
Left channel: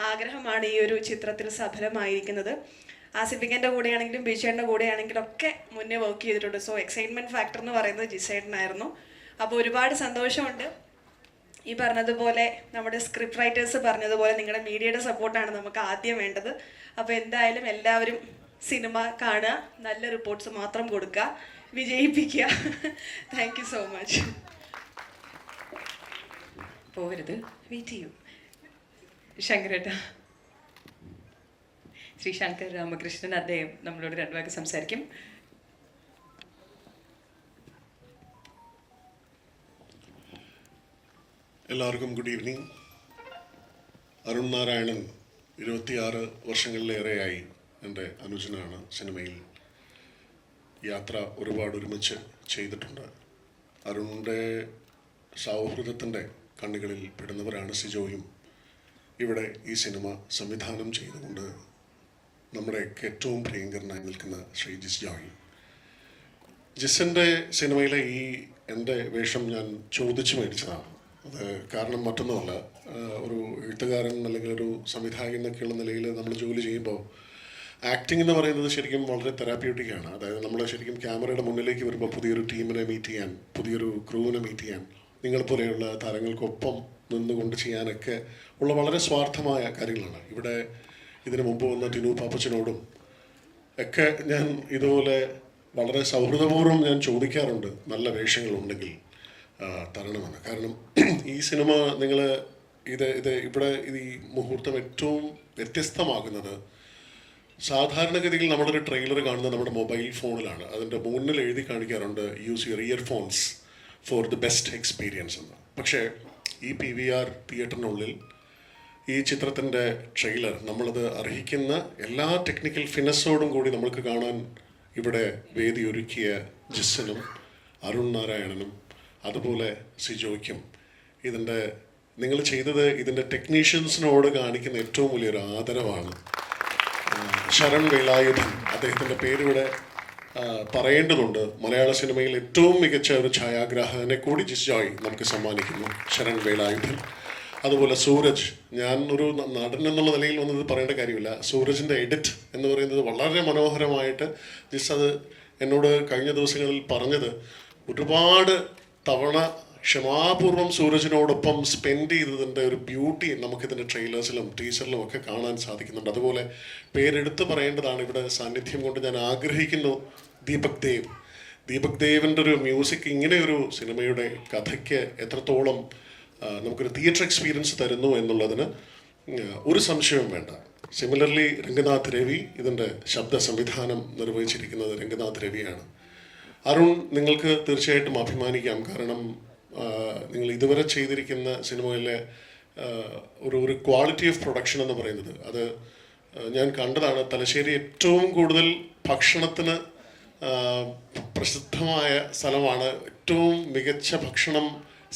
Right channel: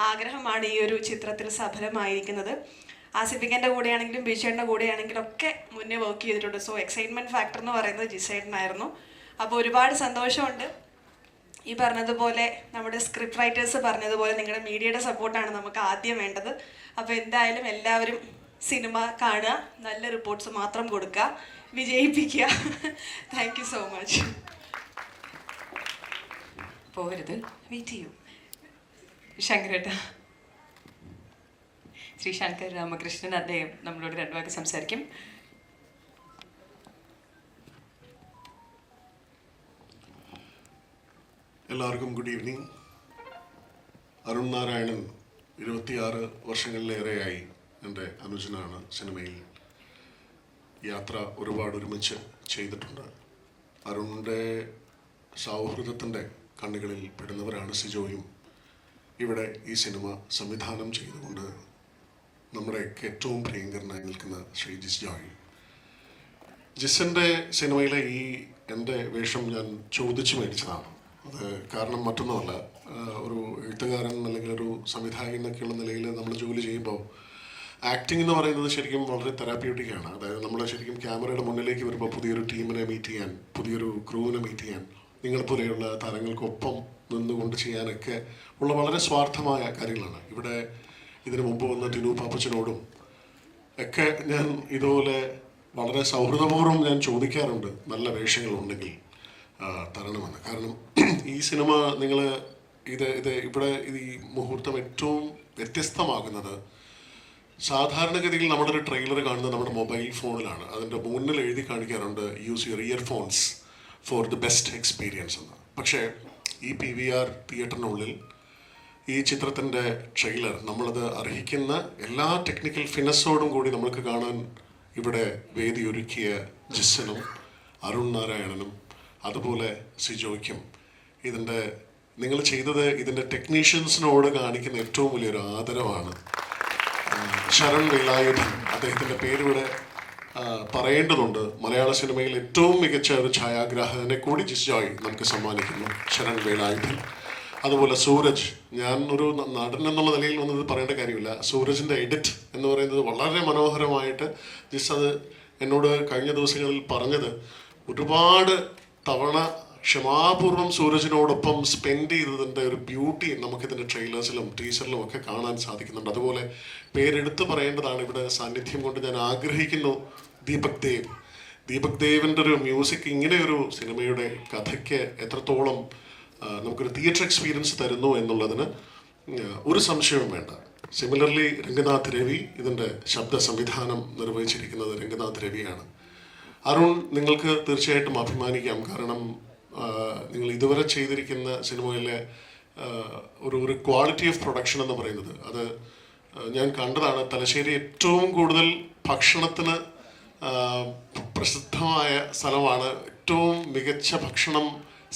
ആഗ്രഹമാണ് ഈ ഒരു ചിത്രത്തിൽ സഫലമായിരിക്കുന്നത്. ആസിഫിക്കൻ്റെ കൂടെയാണെങ്കിലും ബിജുചേട്ടൻ്റെ കൂടെയാണെങ്കിലും ഒക്കെ മുന്നേ വർക്ക് ചെയ്തിട്ടുണ്ട്. സോ എക്സൈറ്റ്മെൻറ്റ് ഫാക്ടർ എന്ന് പറയുന്നത് ജിസേട്ടനായിരുന്നു. അപ്പോൾ ഒരുപാട് സന്തോഷമുണ്ട്. ഈ പറഞ്ഞതുപോലെ നമ്മുടെ സ്ക്രിപ്റ്റ് റൈറ്റേഴ്സ് പറഞ്ഞതുപോലെ നിങ്ങളുടെ മീഡിയയുടെ സപ്പോർട്ടാണ് നമുക്ക് ആദ്യം വേണ്ടത്. അപ്പോൾ എന്തായാലും എല്ലാവരും സിനിമ കാണുക, നല്ല റിപ്പോർട്ട്സ് മാത്രം കൊടുക്കുക, വിജയിപ്പിക്കുക. Thank you so much. പോകരുത്, വെയിറ്റ് ചെയ്യൂ. ശങ്കരേട്ട, ശ്രീ ശങ്കർ രാമകൃഷ്ണൻ, അദ്ദേഹം നമ്മളോട് 2 വാക്ക് സംസാരിക്കും. എല്ലാവർക്കും ഗുഡ് ഈവനിങ്. അരുൺ നാരായണൻ 26 വർഷങ്ങളിലേറെയായി എൻ്റെ അനുജനാണ്. സിനിമയിൽ യാത്ര ഒരുപാട് ഒരുമിച്ച് ചെയ്തിട്ടുണ്ട്. അരുണിൻ്റെ സൗഹൃദത്തിൻ്റെ കണ്ണുകളിൽ പെടുന്നവരാണ് സിജോയും. ഇവിടെ ഈ സിനിമ സംവിധാനം ചെയ്തുകൊണ്ട് നമ്മുടെയൊക്കെ ഏറ്റവും പ്രിയങ്കരനായി നിൽക്കുന്ന ശ്രീ ജിസ് ജോയ്. ജിസിൻ്റെ സിനിമയിലെ ഈ എൻ്റെ വേഷം ഞാൻ ചോദിച്ചു മേടിച്ചതാണ്. അത് കാരണം മറ്റൊന്നുമല്ല, ഒരു എഴുത്തുകാരൻ അല്ലെങ്കിൽ ഒരു സംവിധായകൻ എന്നൊക്കെയുള്ള നിലയിൽ നമ്മൾ ജോലി ചെയ്യുമ്പോൾ ആക്ടിംഗ് എന്ന് പറയുന്നത് ശരിക്കും വളരെ തെറാപ്യൂട്ടിക്കാണ്. അതായത് നമ്മൾ ശരിക്കും ക്യാമറയുടെ മുന്നിലേക്ക് വരുമ്പോൾ പുതിയൊരു ടീമിനെ മീറ്റ് ചെയ്യാൻ, പുതിയൊരു ക്രൂവിനെ മീറ്റ് ചെയ്യാൻ, നിങ്ങളെപ്പോലെയുള്ള താരങ്ങൾക്കൊപ്പം നിന്നുകൊണ്ട് ചെയ്യാനൊക്കെ ഉള്ള വളരെ സ്വാർത്ഥമായ കാര്യങ്ങളാണ്. ഇവിടെ ഇതിനു മുമ്പ് വന്ന ടിനു പാപ്പച്ചനോടും ഒക്കെ ഞാൻ ഇതുപോലെ വളരെ സൗഹൃദപൂർവ്വം ഞാൻ ചോദിക്കാറുണ്ട് നല്ല വേഷങ്ങളുണ്ടെങ്കിൽ തരണമെന്ന്. കാരണം ഈ സിനിമ നിങ്ങൾ ഇവിടെ ഈ മുഹൂർത്തം ഏറ്റവും വ്യത്യസ്തമാകുന്നത് സാധാരണഗതിയിൽ നമ്മുടെ ഒരു ട്രെയിലർ കാണുന്നത് നമ്മുടെ മൊബൈൽ ഫോണിലാണ്. അതിൻ്റെ മുന്നിൽ എഴുതി കാണിക്കാറുണ്ട് use your earphones for the best experience എന്ന്. പക്ഷേ ഈ PVR തിയേറ്ററിനുള്ളിൽ ഈ ചിത്രത്തിൻ്റെ ട്രെയിലർ നമ്മളത് അർഹിക്കുന്ന എല്ലാ ടെക്നിക്കൽ ഫിനസോടും കൂടി നമുക്ക് കാണാൻ ഇവിടെ വേദി ഒരുക്കിയ ജിസ്സിനും അരുൺ നാരായണനും അതുപോലെ സിജോയ്ക്കും നിങ്ങൾ ചെയ്തത് ഇതിൻ്റെ ടെക്നീഷ്യൻസിനോട് കാണിക്കുന്ന ഏറ്റവും വലിയൊരു ആദരവാണ്. ശരൺ വേലായുധൻ, അദ്ദേഹത്തിൻ്റെ പേരിവിടെ പറയേണ്ടതുണ്ട്. മലയാള സിനിമയിൽ ഏറ്റവും മികച്ച ഒരു ഛായാഗ്രാഹകനെ കൂടി ജിസ് ജോയ് നമുക്ക് സമ്മാനിക്കുന്നു, ശരൺ വേലായുധൻ. അതുപോലെ സൂരജ്, ഞാൻ ഒരു നടൻ എന്നുള്ള നിലയിൽ വന്നത് പറയേണ്ട കാര്യമില്ല. സൂരജിൻ്റെ എഡിറ്റ് എന്ന് പറയുന്നത് വളരെ മനോഹരമായിട്ട് ജിസ് അത് എന്നോട് കഴിഞ്ഞ ദിവസങ്ങളിൽ പറഞ്ഞത് ഒരുപാട് തവണ ക്ഷമാപൂർവ്വം സൂരജിനോടൊപ്പം സ്പെൻഡ് ചെയ്തതിൻ്റെ ഒരു ബ്യൂട്ടി നമുക്കിതിൻ്റെ ട്രെയിലേഴ്സിലും ടീസറിലും ഒക്കെ കാണാൻ സാധിക്കുന്നുണ്ട്. അതുപോലെ പേരെടുത്ത് പറയേണ്ടതാണ് ഇവിടെ സാന്നിധ്യം കൊണ്ട് ഞാൻ ആഗ്രഹിക്കുന്നു ദീപക് ദേവിൻ്റെ ഒരു മ്യൂസിക് ഇങ്ങനെ ഒരു സിനിമയുടെ കഥയ്ക്ക് എത്രത്തോളം നമുക്കൊരു തിയേറ്റർ എക്സ്പീരിയൻസ് തരുന്നു എന്നുള്ളതിന് ഒരു സംശയവും വേണ്ട. സിമിലർലി രംഗനാഥ് രവി, ഇതിൻ്റെ ശബ്ദ സംവിധാനം നിർവഹിച്ചിരിക്കുന്നത് രംഗനാഥ് രവിയാണ്. അരുൺ, നിങ്ങൾക്ക് തീർച്ചയായിട്ടും അഭിമാനിക്കാം. കാരണം നിങ്ങൾ ഇതുവരെ ചെയ്തിരിക്കുന്ന സിനിമയിലെ ഒരു ക്വാളിറ്റി ഓഫ് പ്രൊഡക്ഷൻ എന്ന് പറയുന്നത് അത് ഞാൻ കണ്ടതാണ്. തലശ്ശേരി ഏറ്റവും കൂടുതൽ ഭക്ഷണത്തിന് പ്രസിദ്ധമായ സ്ഥലമാണ്. ഏറ്റവും മികച്ച ഭക്ഷണം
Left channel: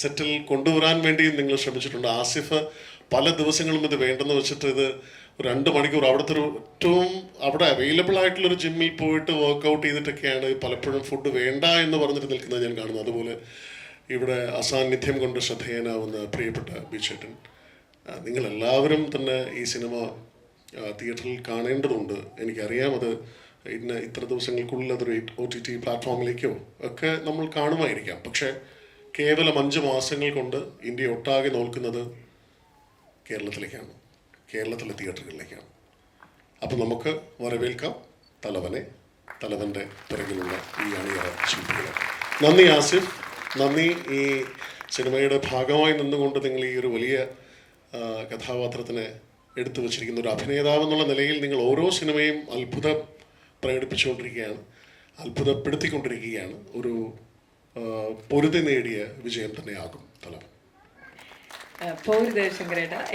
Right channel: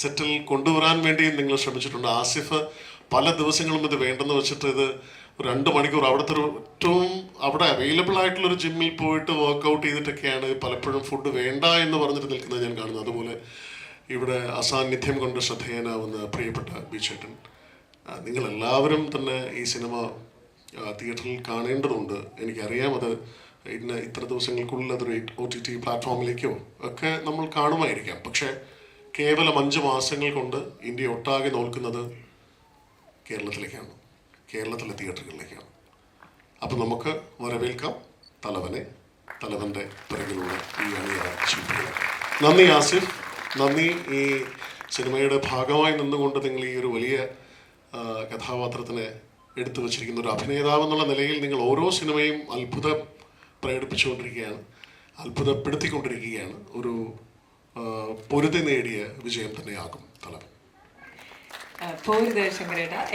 സെറ്റിൽ കൊണ്ടുവരാൻ വേണ്ടിയും നിങ്ങൾ ശ്രമിച്ചിട്ടുണ്ട്. ആസിഫ് പല ദിവസങ്ങളും ഇത് വേണ്ടെന്ന് വെച്ചിട്ട് ഇത് 2 മണിക്കൂർ അവിടുത്തെ ഏറ്റവും അവിടെ അവൈലബിൾ ആയിട്ടുള്ളൊരു ജിമ്മിൽ പോയിട്ട് വർക്കൗട്ട് ചെയ്തിട്ടൊക്കെയാണ് പലപ്പോഴും ഫുഡ് വേണ്ട എന്ന് പറഞ്ഞിട്ട് നിൽക്കുന്നത് ഞാൻ കാണുന്നത്. അതുപോലെ ഇവിടെ അസാന്നിധ്യം കൊണ്ട് ശ്രദ്ധേയനാവുന്ന പ്രിയപ്പെട്ട ബിചേട്ടൻ, നിങ്ങളെല്ലാവരും തന്നെ ഈ സിനിമ തിയേറ്ററിൽ കാണേണ്ടതുണ്ട്. എനിക്കറിയാം അത് ഇത്ര ദിവസങ്ങൾക്കുള്ളിൽ അതൊരു OTT പ്ലാറ്റ്ഫോമിലേക്കോ ഒക്കെ നമ്മൾ കാണുമായിരിക്കാം. പക്ഷേ കേവലം 5 മാസങ്ങൾ കൊണ്ട് ഇന്ത്യ ഒട്ടാകെ നോക്കുന്നത് കേരളത്തിലേക്കാണ്, കേരളത്തിലെ തിയേറ്ററുകളിലേക്കാണ്. അപ്പം നമുക്ക് വരവേൽക്കാം തലവനെ, തലവൻ്റെ പിറകിലുള്ള ഈ അണിയറ ശില്പികളെ. നന്ദി ആസിഫ്, നന്ദി ഈ സിനിമയുടെ ഭാഗമായി നിന്നുകൊണ്ട് നിങ്ങൾ ഈ ഒരു വലിയ കഥാപാത്രത്തിനെ എടുത്തു വച്ചിരിക്കുന്ന ഒരു അഭിനേതാവ് എന്നുള്ള നിലയിൽ നിങ്ങൾ ഓരോ സിനിമയും അത്ഭുതം പ്രകടിപ്പിച്ചുകൊണ്ടിരിക്കുകയാണ്, അത്ഭുതപ്പെടുത്തിക്കൊണ്ടിരിക്കുകയാണ്. ഒരു പൊരുതി നേടിയ വിജയം തന്നെയാകും തലവൻ.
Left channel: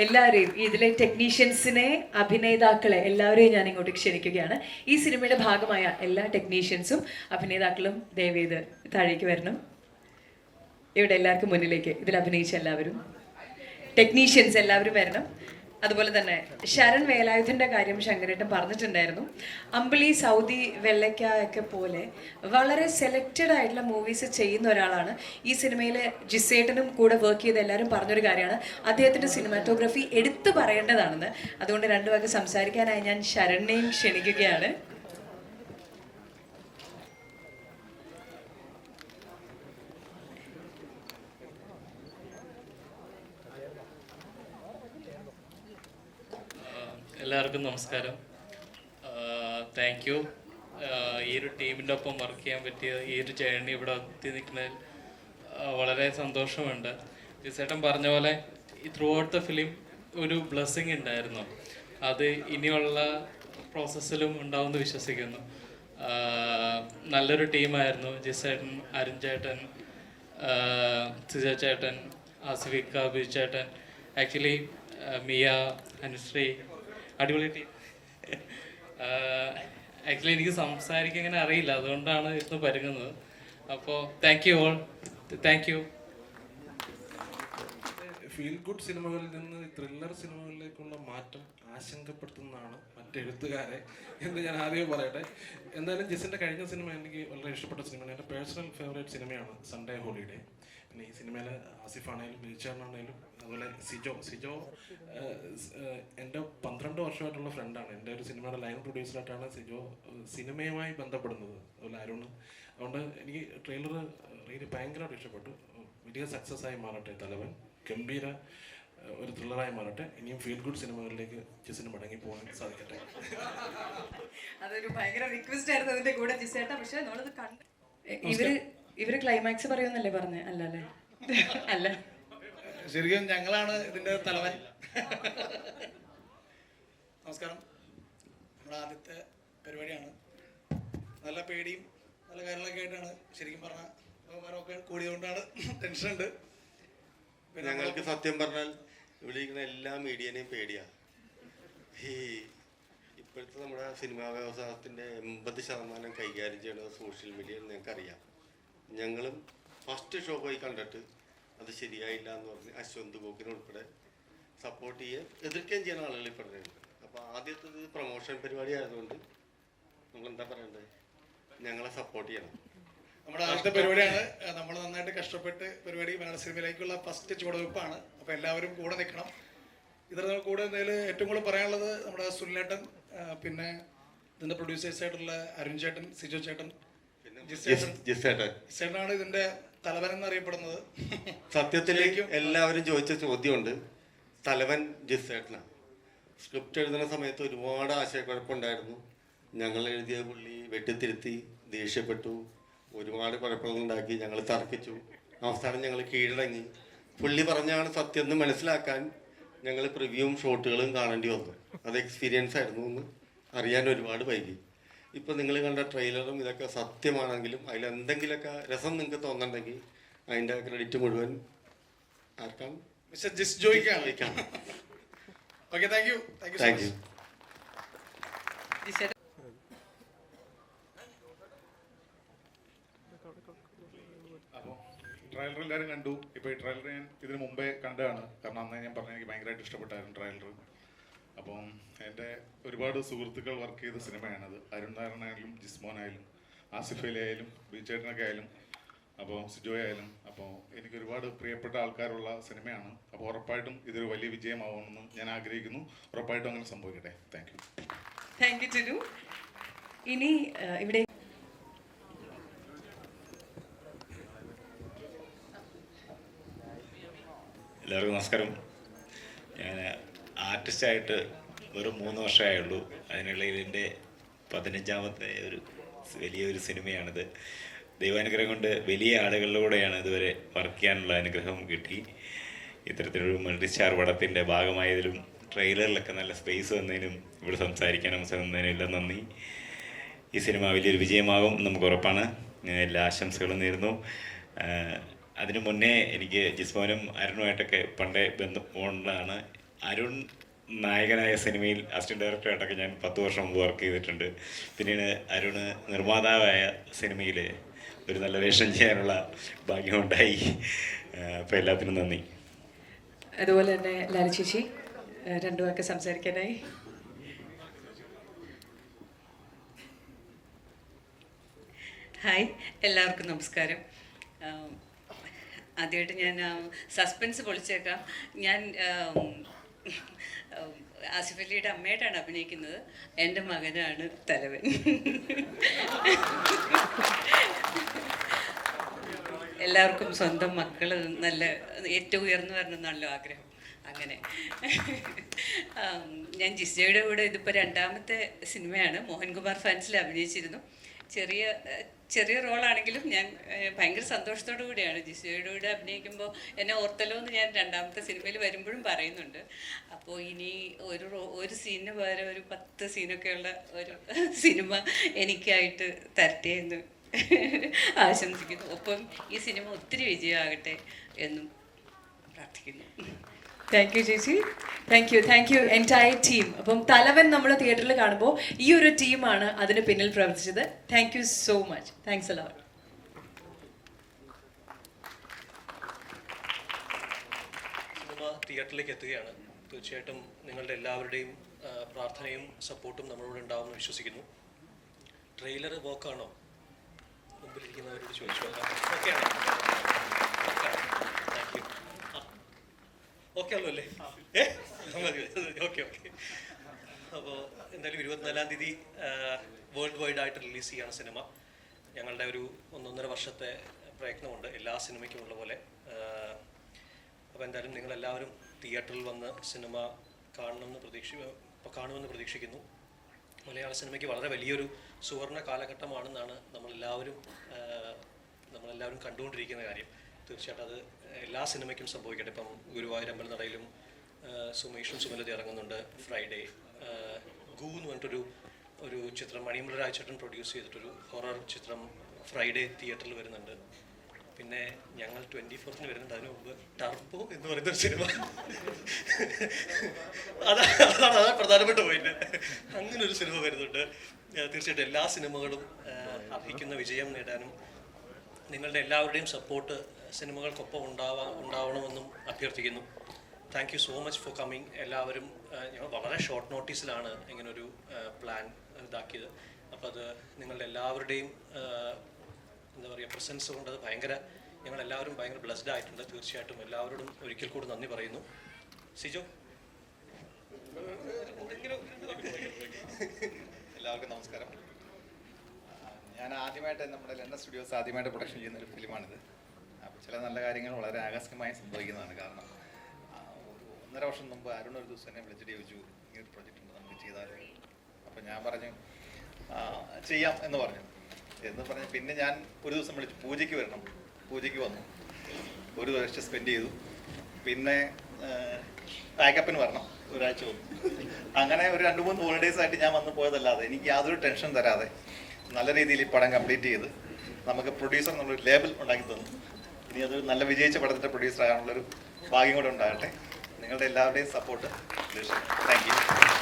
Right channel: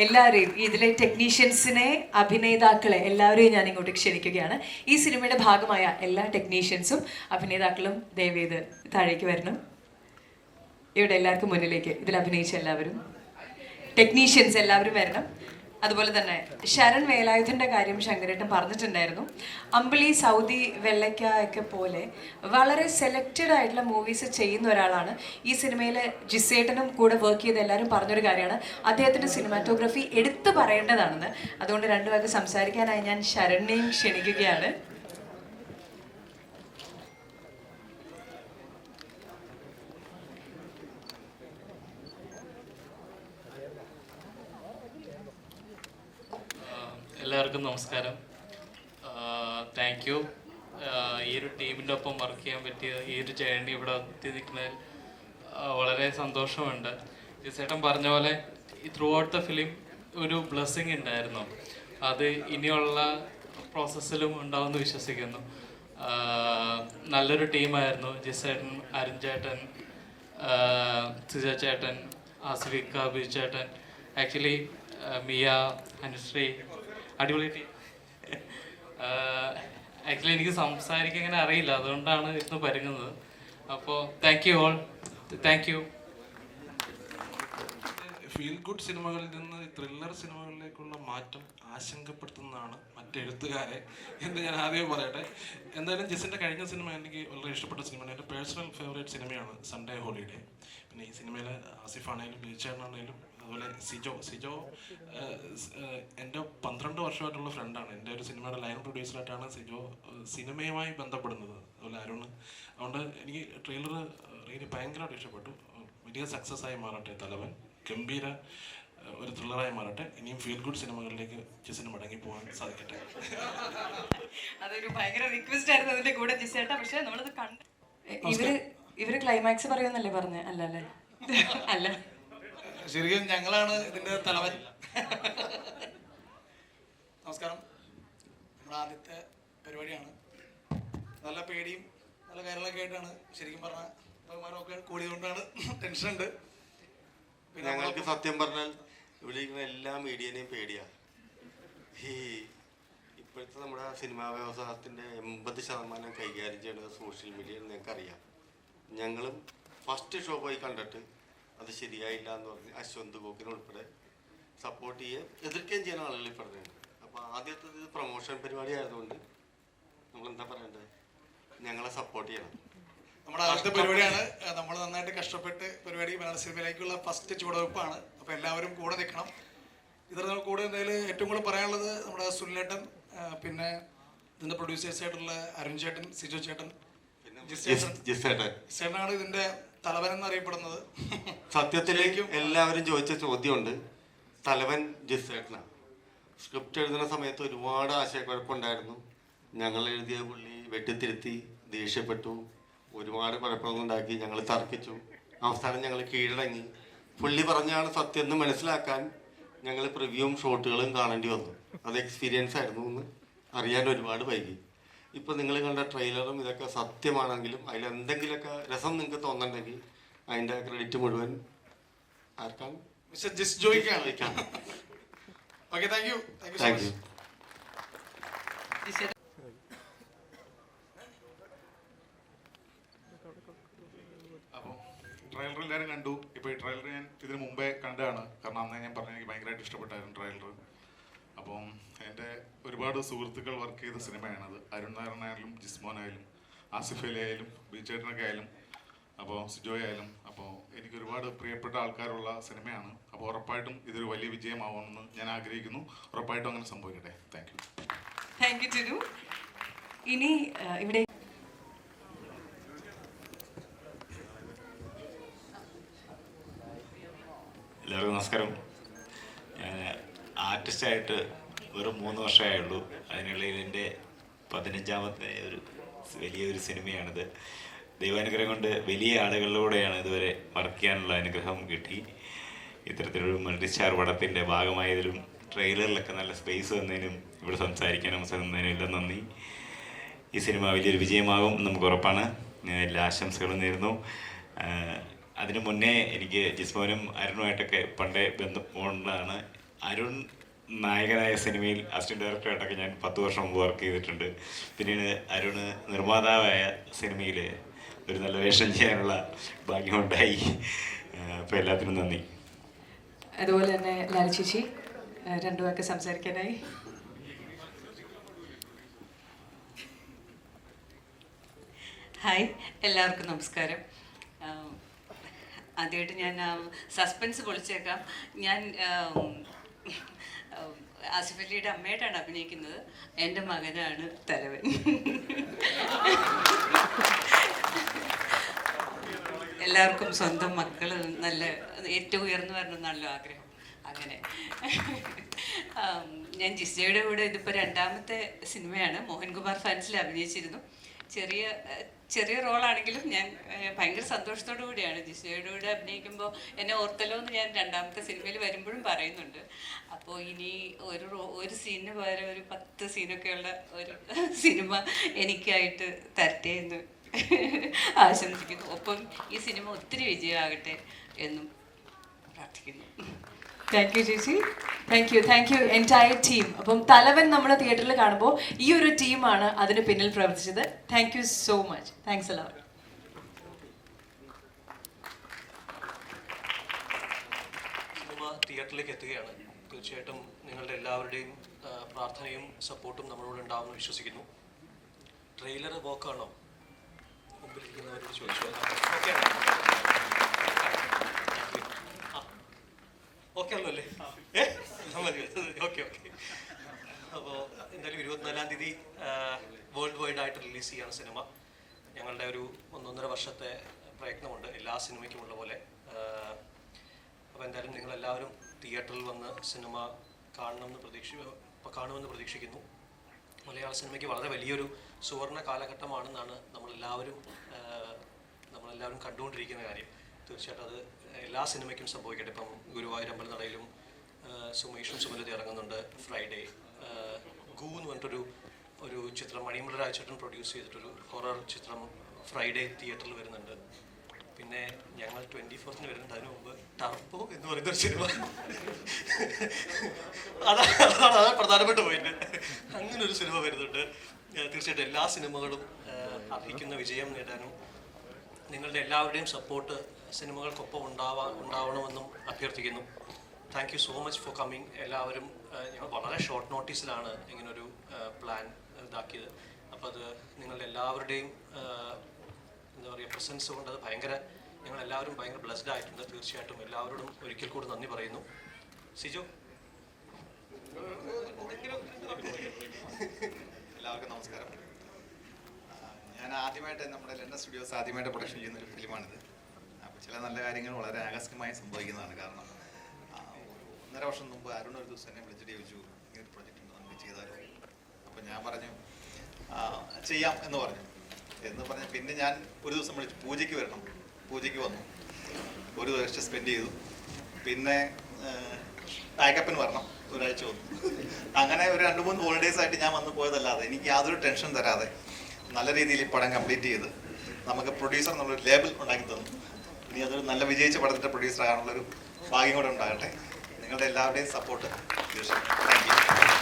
എല്ലാവരെയും ഇതിലെ ടെക്നീഷ്യൻസിനെ, അഭിനേതാക്കളെ എല്ലാവരെയും ഞാൻ ഇങ്ങോട്ട് ക്ഷണിക്കുകയാണ്. ഈ സിനിമയുടെ ഭാഗമായ എല്ലാ ടെക്നീഷ്യൻസും അഭിനേതാക്കളും ദയവേത് താഴേക്ക് വരണം. ഇവിടെ എല്ലാവർക്കും മുന്നിലേക്ക് ഇതിൽ അഭിനയിച്ച എല്ലാവരും ടെക്നീഷ്യൻസ് എല്ലാവരും വരണം. അതുപോലെ തന്നെ ശരൺ വേലായുധന്റെ കാര്യം ശങ്കരേട്ടൻ പറഞ്ഞിട്ടുണ്ടായിരുന്നു. അമ്പിളി, സൗദി, വെള്ളയ്ക്ക ഒക്കെ പോലെ വളരെ സെലക്റ്റഡ് ആയിട്ടുള്ള മൂവീസ് ചെയ്യുന്ന ഒരാളാണ്. ഈ സിനിമയിൽ ജിസേട്ടനും കൂടെ വർക്ക് ചെയ്ത എല്ലാവരും പറഞ്ഞൊരു കാര്യമാണ് അദ്ദേഹത്തിന്റെ സിനിമാറ്റോഗ്രഫി എടുത്തു പറയേണ്ടതാണെന്ന്. അതുകൊണ്ട് രണ്ടുപേർക്ക് സംസാരിക്കാനായി ഞാൻ ശരണിനെയും ക്ഷണിക്കുകയാണ്. എല്ലാവർക്കും നമസ്കാരം. Thank U. ഈ ഒരു ടീമിൻ്റെ ഒപ്പം വർക്ക് ചെയ്യാൻ പറ്റിയ ഈ ഒരു ജേർണി ഇവിടെ എത്തി നിൽക്കുന്നതിൽ വളരെ സന്തോഷമുണ്ട്. ചേട്ടൻ പറഞ്ഞ പോലെ ത്രൂ ഔട്ട് ദ ഫിലിം ഒരു ബ്ലെസ്സിങ് ഉണ്ടായിരുന്നു. അത് ഇനിയുള്ള പ്രോസസ്സിലും ഉണ്ടാവുമെന്ന് വിശ്വസിക്കുന്നു. നല്ലൊരു ടീമായിരുന്നു. ജിസേട്ടൻ, അരുൺ ചേട്ടൻ, സിജ ചേട്ടൻ, ആസിഫിക്ക, ബിജു ചേട്ടൻ, ആക്ച്വലി മിയ, അനുശ്രീ, അടിപൊളി ടീം. ആക്ച്വലി എനിക്ക് സംസാരിക്കാൻ ഇങ്ങനെ അറിയില്ല, അതുകൊണ്ടാണ് ഇന്ന് പരുങ്ങുന്നത്. അപ്പോൾ thank you all, thank you. Feel good സിനിമകളിൽ നിന്ന് ത്രില്ലർ സിനിമകളിലേക്കുള്ള മാറ്റം ആശങ്കപ്പെടുത്തുന്നതാണ് മറ്റെഴുത്തുകാരെ എന്ന് ഞാൻ ആദ്യമേ പറയട്ടെ. എന്തായാലും ജിസിൻ്റെ കഴിഞ്ഞ സിനിമ എനിക്ക് വളരെ ഇഷ്ടപ്പെട്ട സിനിമയാണ്. എൻ്റെ പേഴ്സണൽ ഫേവറേറ്റ് സിനിമയാണ് സൺഡേ ഹോളിഡേ. പിന്നെ ഈ സിനിമയിൽ ആസിഫാണേലും ബീച്ചാണാണേലും അതുപോലെ സിജോ എൻ്റെ 12 വർഷമായിട്ടുള്ള ഫ്രണ്ടാണ്. എൻ്റെ ഒരു സിനിമയുടെ ലൈൻ പ്രൊഡ്യൂസറായിട്ടാണ് സിജോ സിനിമയുമായി ബന്ധപ്പെടുന്നത്. അതുപോലെ അരുൺ. അതുകൊണ്ട് എനിക്ക് ട്രെയിലർ റിയലി ഭയങ്കരമായിട്ട് ഇഷ്ടപ്പെട്ടു. വലിയ സക്സസ് ആയി മാറട്ടെ തലവൻ, ഗംഭീര ഒരു ത്രില്ലറായി മാറട്ടെ. ഇനിയും ഫീൽ ഗുഡ് സിനിമകളിലേക്ക് ജിസിന് മടങ്ങി പോകാൻ സാധിക്കട്ടെ. അതൊരു ഭയങ്കര റിക്വസ്റ്റ് ആയിരുന്നു അതിന്റെ കൂടെ ജിസേട്ട. പക്ഷെ നമ്മളത് കണ്ട് ഇവര് ക്ലൈമാക്സ് പറയുന്നല്ലേ പറഞ്ഞേ? അല്ല അല്ലേ? അല്ല, ശരിക്കും ഞങ്ങളാണ് ഇതിന്റെ തലവൻ. നമസ്കാരം. ഞങ്ങളുടെ ആദ്യത്തെ പരിപാടിയാണ്. നല്ല പേടിയും നല്ല കാര്യങ്ങളൊക്കെ ആയിട്ടാണ്. ശരിക്കും പറഞ്ഞാൽ ബഹുമാനമൊക്കെ കൂടിയതുകൊണ്ടാണ് ടെൻഷൻ ഉണ്ട്. ഞങ്ങൾക്ക് സത്യം പറഞ്ഞാൽ വിളിക്കുന്ന എല്ലാ മീഡിയനെയും പേടിയാണ്. ഈ ഇപ്പോഴത്തെ നമ്മുടെ സിനിമാ വ്യവസായത്തിൻ്റെ 80% കൈകാര്യം ചെയ്യുന്നത് സോഷ്യൽ മീഡിയയിൽ ഞങ്ങൾക്കറിയാം. ഞങ്ങളും ഫസ്റ്റ് ഷോ പോയി കണ്ടിട്ട് അത് ശരിയായില്ല എന്ന് പറഞ്ഞ് അശ്വന്ത് ഗോക്കിനുൾപ്പെടെ സപ്പോർട്ട് ചെയ്യുകയും എതിർക്കുകയും ചെയ്യുന്ന ആളുകൾ പറയുന്നുണ്ട്. അപ്പോൾ ആദ്യത്തെ ഇത് പ്രൊമോഷൻ പരിപാടി ആയതുകൊണ്ട് നമ്മളെന്താ പറയണ്ടത്, ഞങ്ങളെ സപ്പോർട്ട് ചെയ്യണം. നമ്മുടെ ആദ്യത്തെ പരിപാടിയാണ്. നമ്മൾ നന്നായിട്ട് കഷ്ടപ്പെട്ട് പരിപാടി മലയാള സിനിമയിലേക്കുള്ള ഫസ്റ്റ് ചുവടുവെപ്പാണ്. അപ്പോൾ എല്ലാവരും കൂടെ നിൽക്കണം. ഇതിൽ നമുക്ക് കൂടെ ഇതിൽ ഏറ്റവും കൂടുതൽ പറയാനുള്ളത് നമ്മുടെ സുനിലേട്ടൻ, പിന്നെ ഇതിൻ്റെ പ്രൊഡ്യൂസേഴ്സായിട്ടുള്ള അരുൺ ചേട്ടൻ, സിജോ ചേട്ടൻ, ചേട്ടനാണ് ഇതിൻ്റെ തലവൻ എന്നറിയപ്പെടുന്നത്. സത്യത്തിലേക്ക് എല്ലാവരും ചോദിച്ച ചോദ്യമുണ്ട്. തലവൻ ജിസേട്ടനാണ്. സ്ക്രിപ്റ്റ് എഴുതുന്ന സമയത്ത് ഒരുപാട് ആശയക്കുഴപ്പമുണ്ടായിരുന്നു. ഞങ്ങൾ എഴുതിയ പുള്ളി വെട്ടിത്തിരുത്തി, ദേഷ്യപ്പെട്ടു, ഒരുപാട് കുഴപ്പങ്ങളുണ്ടാക്കി, ഞങ്ങൾ തർക്കിച്ചു. അവസാനം ഞങ്ങൾ കീഴടങ്ങി. പുള്ളി പറഞ്ഞാണ് സത്യം എന്ന് മനസ്സിലാക്കാൻ ഞങ്ങൾ പ്രിവ്യൂവും ഷോട്ടുകളും കാണേണ്ടി വന്നു. അത് എക്സ്പീരിയൻസ് ആയിരുന്നു എന്ന് അറിയാൻ ഒരുപാട് വൈകി. ഇപ്പം നിങ്ങൾ കണ്ട ട്രെയിലറും ഇതൊക്കെ സത്യമാണെങ്കിലും അതിലെന്തെങ്കിലുമൊക്കെ രസം നിങ്ങൾക്ക് തോന്നുന്നുണ്ടെങ്കിൽ അതിൻ്റെ ക്രെഡിറ്റ് മുഴുവൻ ആർക്കാണ്? മിസ്റ്റർ ജിസ് ജോയ്ക്കാണ്. Okay, thank you so much. അപ്പോൾ ട്രailer എല്ലാവരും കണ്ടു. ഇപ്പോൾ ഈ ട്രailer ഞാൻ ഇതിന് മുമ്പേ കണ്ടതാണ്. കാരണം അന്ന് ഞാൻ പറഞ്ഞു എനിക്ക് ഭയങ്കരമായിട്ട് ഇഷ്ടപ്പെട്ടായിരുന്നു ട്രailer. അപ്പം എൻ്റെ ഒരുപാട് സുഹൃത്തുക്കൾ വർക്ക് ചെയ്ത സിനിമയാണത്. അരുൺ നായരനായാലും ജിസ്മോനായാലും ആസിഫ് അലി ആയാലും ബിജുചേട്ടനൊക്കെ ആയാലും അപ്പോൾ സിജോയ് ആയാലും. അപ്പോൾ എനിക്ക് ഒരുപാട് പ്രിയപ്പെട്ട ആൾക്കാരുള്ള സിനിമയാണ്. അപ്പോൾ ഉറപ്പായിട്ടും ഇതൊരു വലിയ വിജയമാവുമെന്ന് ഞാൻ ആഗ്രഹിക്കുന്നു. ഉറപ്പായിട്ടും അങ്ങനെ സംഭവിക്കട്ടെ. Thank you. Thank you Tinu. ഇനി ഇവിടെ എല്ലാവർക്കും നമസ്കാരം. ഞാൻ ആർട്ടിസ്റ്റായിട്ട് വെറും 3 വർഷമായുള്ളൂ. അതിനുള്ളിൽ എൻ്റെ 15ാമത്തെ വലിയൊരു സിനിമയാണിത്. ദൈവാനുഗ്രഹം കൊണ്ട് വലിയ ആളുകളിലൂടെയാണ് ഇതുവരെ വർക്ക് ചെയ്യാനുള്ള അനുഗ്രഹം കിട്ടി. ഇത്തരത്തിലൊരു മൾട്ടി സ്റ്റാർ പടത്തിൻ്റെ ഭാഗമായതിലും ട്രെയിലറിലൊക്കെ നല്ല സ്പേസ് വന്നതിനും ഇവിടെ സംസാരിക്കാൻ അവസരം തന്നതിനും എല്ലാം നന്ദി. ഈ സിനിമ വലിയൊരു വിജയമാകും നമുക്ക് ഉറപ്പാണ്. ഞാൻ എല്ലാ ആശംസകളും നേരുന്നു. അതിനു മുന്നേ എനിക്ക് ജിസ്മോനും അരുണുമായിട്ടൊക്കെ പണ്ടേ ബന്ധമുണ്ടാണ്. അരുൺ നായകനായ സിനിമയിൽ അസിസ്റ്റന്റ് ഡയറക്ടറായിട്ടൊക്കെ ഞാൻ 10 വർഷം മുമ്പ് വർക്ക് ചെയ്തിട്ടുണ്ട്. പിന്നീട് അരുണ് നിർമ്മാതാവായ സിനിമയിൽ ഒരു നല്ല വേഷം ചെയ്യാനുള്ള ഭാഗ്യമുണ്ടായി. അപ്പോൾ എല്ലാത്തിനും നന്ദി. അതുപോലെ തന്നെ ലാല ചേച്ചി 2 വാക്ക് സംസാരിക്കാനായി. ഹായ്, എല്ലാവർക്കും നമസ്കാരം. ആദ്യമായിട്ട് ഞാൻ സസ്പെൻസ് പൊളിച്ചേക്കാം. ഞാൻ ആസിഫ് അലിയുടെ അമ്മയായിട്ടാണ് അഭിനയിക്കുന്നത്. എൻ്റെ മകനാണ് തലവൻ. എല്ലാവർക്കും സ്വന്തം മക്കൾ നല്ല ഏറ്റവും ഉയർന്നു വരണമെന്നാണല്ലോ ആഗ്രഹം. അങ്ങനെ ഞാൻ ജിസ്ജയുടെ കൂടെ ഇതിപ്പോൾ 2ാമത്തെ സിനിമയാണ്. മോഹൻകുമാർ ഫാൻസിൽ അഭിനയിച്ചിരുന്നു. ചെറിയ റോളാണെങ്കിലും ഞാൻ ഭയങ്കര സന്തോഷത്തോടു കൂടിയാണ് ജിസ്ജയുടെ കൂടെ അഭിനയിക്കുമ്പോൾ. എന്നെ ഓർത്തല്ലോ എന്ന് ഞാൻ 2ാമത്തെ സിനിമയിൽ വരുമ്പോഴും പറയുന്നുണ്ട്. അപ്പോൾ ഇനി ഒരു സീനിന് പകരം ഒരു 10 സീനൊക്കെയുള്ള ഒരു സിനിമ എനിക്കായിട്ട് തരട്ടെ എന്ന് ആശംസിക്കുന്നു. ഒപ്പം ഈ സിനിമ ഒത്തിരി വിജയമാകട്ടെ എന്നും പ്രാർത്ഥിക്കുന്നു. താങ്ക് യു ചേച്ചി. Thank you entire team. അപ്പം തലവൻ നമ്മൾ തിയേറ്ററിൽ കാണുമ്പോൾ ഈ ഒരു ടീമാണ് അതിന് പിന്നിൽ പ്രവർത്തിച്ചത്. Thank you so much. Thanks എല്ലാം. സിനിമ തിയേറ്ററിലേക്ക് എത്തുകയാണ്. തീർച്ചയായിട്ടും നിങ്ങളുടെ എല്ലാവരുടെയും പ്രാർത്ഥനയും സപ്പോർട്ടും നമ്മളോട് ഉണ്ടാവുമെന്ന് വിശ്വസിക്കുന്നു. ട്രെയിലർ വോക്കാണോ മുമ്പിലിരിക്കുന്നവരോട് ചോദിച്ചാൽ ഓക്കെ ആണല്ലോ അല്ലേ? ഓക്കെ. അപ്പോൾ എന്തായാലും 24-ാം തീയതി വേൾഡ് വൈഡ് ആയിട്ട് റിലീസ് ചെയ്യാണ് സിനിമ. ഞങ്ങളുടെ ഒരു 1.5 വർഷത്തെ പ്രയത്നമുണ്ട് എല്ലാ സിനിമയ്ക്കും ഉള്ള പോലെ. അപ്പോൾ എന്തായാലും നിങ്ങളെല്ലാവരും തിയേറ്ററിൽ വന്ന് സിനിമ കാണുമെന്ന് പ്രതീക്ഷിക്കുന്നു. മലയാള സിനിമയ്ക്ക് വളരെ വലിയൊരു സുവർണ്ണ കാലഘട്ടമാണെന്നാണ് നമ്മളെല്ലാവരും കണ്ടുകൊണ്ടിരിക്കുന്ന കാര്യം. തീർച്ചയായിട്ടും അത് എല്ലാ സിനിമയ്ക്കും സംഭവിക്കട്ടെ. ഇപ്പം ഗുരുവായൂർ അമ്പലനടയിലും സുമേഷും സുമലതി ഇറങ്ങുന്നുണ്ട്. ഫ്രൈഡേ ഗൂ എന്ന് പറഞ്ഞിട്ടൊരു ചിത്രം മണിമുര രാജചേട്ടൻ പ്രൊഡ്യൂസ് ചെയ്തിട്ടൊരു ഹൊറർ ചിത്രം ഫ്രൈഡേ തിയേറ്ററിൽ വരുന്നുണ്ട്. പിന്നെ ഞങ്ങൾ 24th വരുന്നുണ്ട്. അതിന് മുമ്പ് ടർബോ എന്ന് പറയുന്നൊരു സിനിമ, അതാണ് പ്രധാനപ്പെട്ട പോയിന്റ്. അങ്ങനെ ഒരു സിനിമ വരുന്നുണ്ട്. തീർച്ചയായിട്ടും എല്ലാ സിനിമകളും അർഹിക്കുന്ന വിജയം നേടാനും നിങ്ങളുടെ എല്ലാവരുടെയും സപ്പോർട്ട് സിനിമകൾക്കൊപ്പം ഉണ്ടാവണമെന്നും അഭ്യർത്ഥിക്കുന്നു. Thank you so much for coming. എല്ലാവരും ഞങ്ങൾ വളരെ ഷോർട്ട് നോട്ടീസിലാണ് ഇങ്ങനൊരു പ്ലാൻ ഇതാക്കിയത്. അപ്പോൾ അത് നിങ്ങളുടെ എല്ലാവരുടെയും എന്താ പറയുക പ്രസൻസ് കൊണ്ട് അത് ഞങ്ങളെല്ലാവരും ഭയങ്കര ബ്ലെസ്ഡ് ആയിട്ടുണ്ട്. തീർച്ചയായിട്ടും എല്ലാവരോടും ഒരിക്കൽ കൂടി നന്ദി പറയുന്നു. സിജോ. എല്ലാവർക്കും നമസ്കാരം. ഞാൻ ആദ്യമായിട്ട് നമ്മുടെ ലണ്ടൻ സ്റ്റുഡിയോസ് ആദ്യമായിട്ട് പ്രൊഡക്ഷൻ ചെയ്യുന്ന ഒരു ഫിലിമാണിത്. അപ്പോൾ ചില നല്ല കാര്യങ്ങൾ വളരെ ആകസ്മികമായി സംഭവിക്കുന്നതാണ്. കാരണം 1.5 വർഷം മുമ്പ് അരുൺ ഒരു ദിവസം എന്നെ വിളിച്ചിട്ട് ചോദിച്ചു, ഇങ്ങനൊരു പ്രൊജക്റ്റ് ഉണ്ട്, നമുക്ക് ചെയ്താലോ? അപ്പോൾ ഞാൻ പറഞ്ഞു ചെയ്യാം എന്ന് പറഞ്ഞു. പിന്നെ ഞാൻ ഒരു ദിവസം വിളിച്ചു, പൂജയ്ക്ക് വരണം. പൂജയ്ക്ക് വന്നു, ഒരു ദിവസം സ്പെൻഡ് ചെയ്തു. പിന്നെ പാക്കപ്പിന് വരണം, ഒരാഴ്ച വന്നു. അങ്ങനെ ഒരു 2-3 ഹോളിഡേയ്സ് ആയിട്ട് ഞാൻ വന്നു പോയതല്ലാതെ എനിക്ക് യാതൊരു ടെൻഷൻ തരാതെ നല്ല രീതിയിൽ ഈ പടം കംപ്ലീറ്റ് ചെയ്ത് നമുക്ക് പ്രൊഡ്യൂസർ എന്നുള്ളൊരു ലേബൽ ഉണ്ടാക്കി തന്നു. ഇനി അതൊരു നല്ല വിജയിച്ച പടത്തിൻ്റെ പ്രൊഡ്യൂസർ ആകാനുള്ളൊരു ഭാഗ്യം കൂടെ ഉണ്ടാകട്ടെ. നിങ്ങളുടെ എല്ലാവരുടെയും സപ്പോർട്ട് തീർച്ചയായും. Thank you.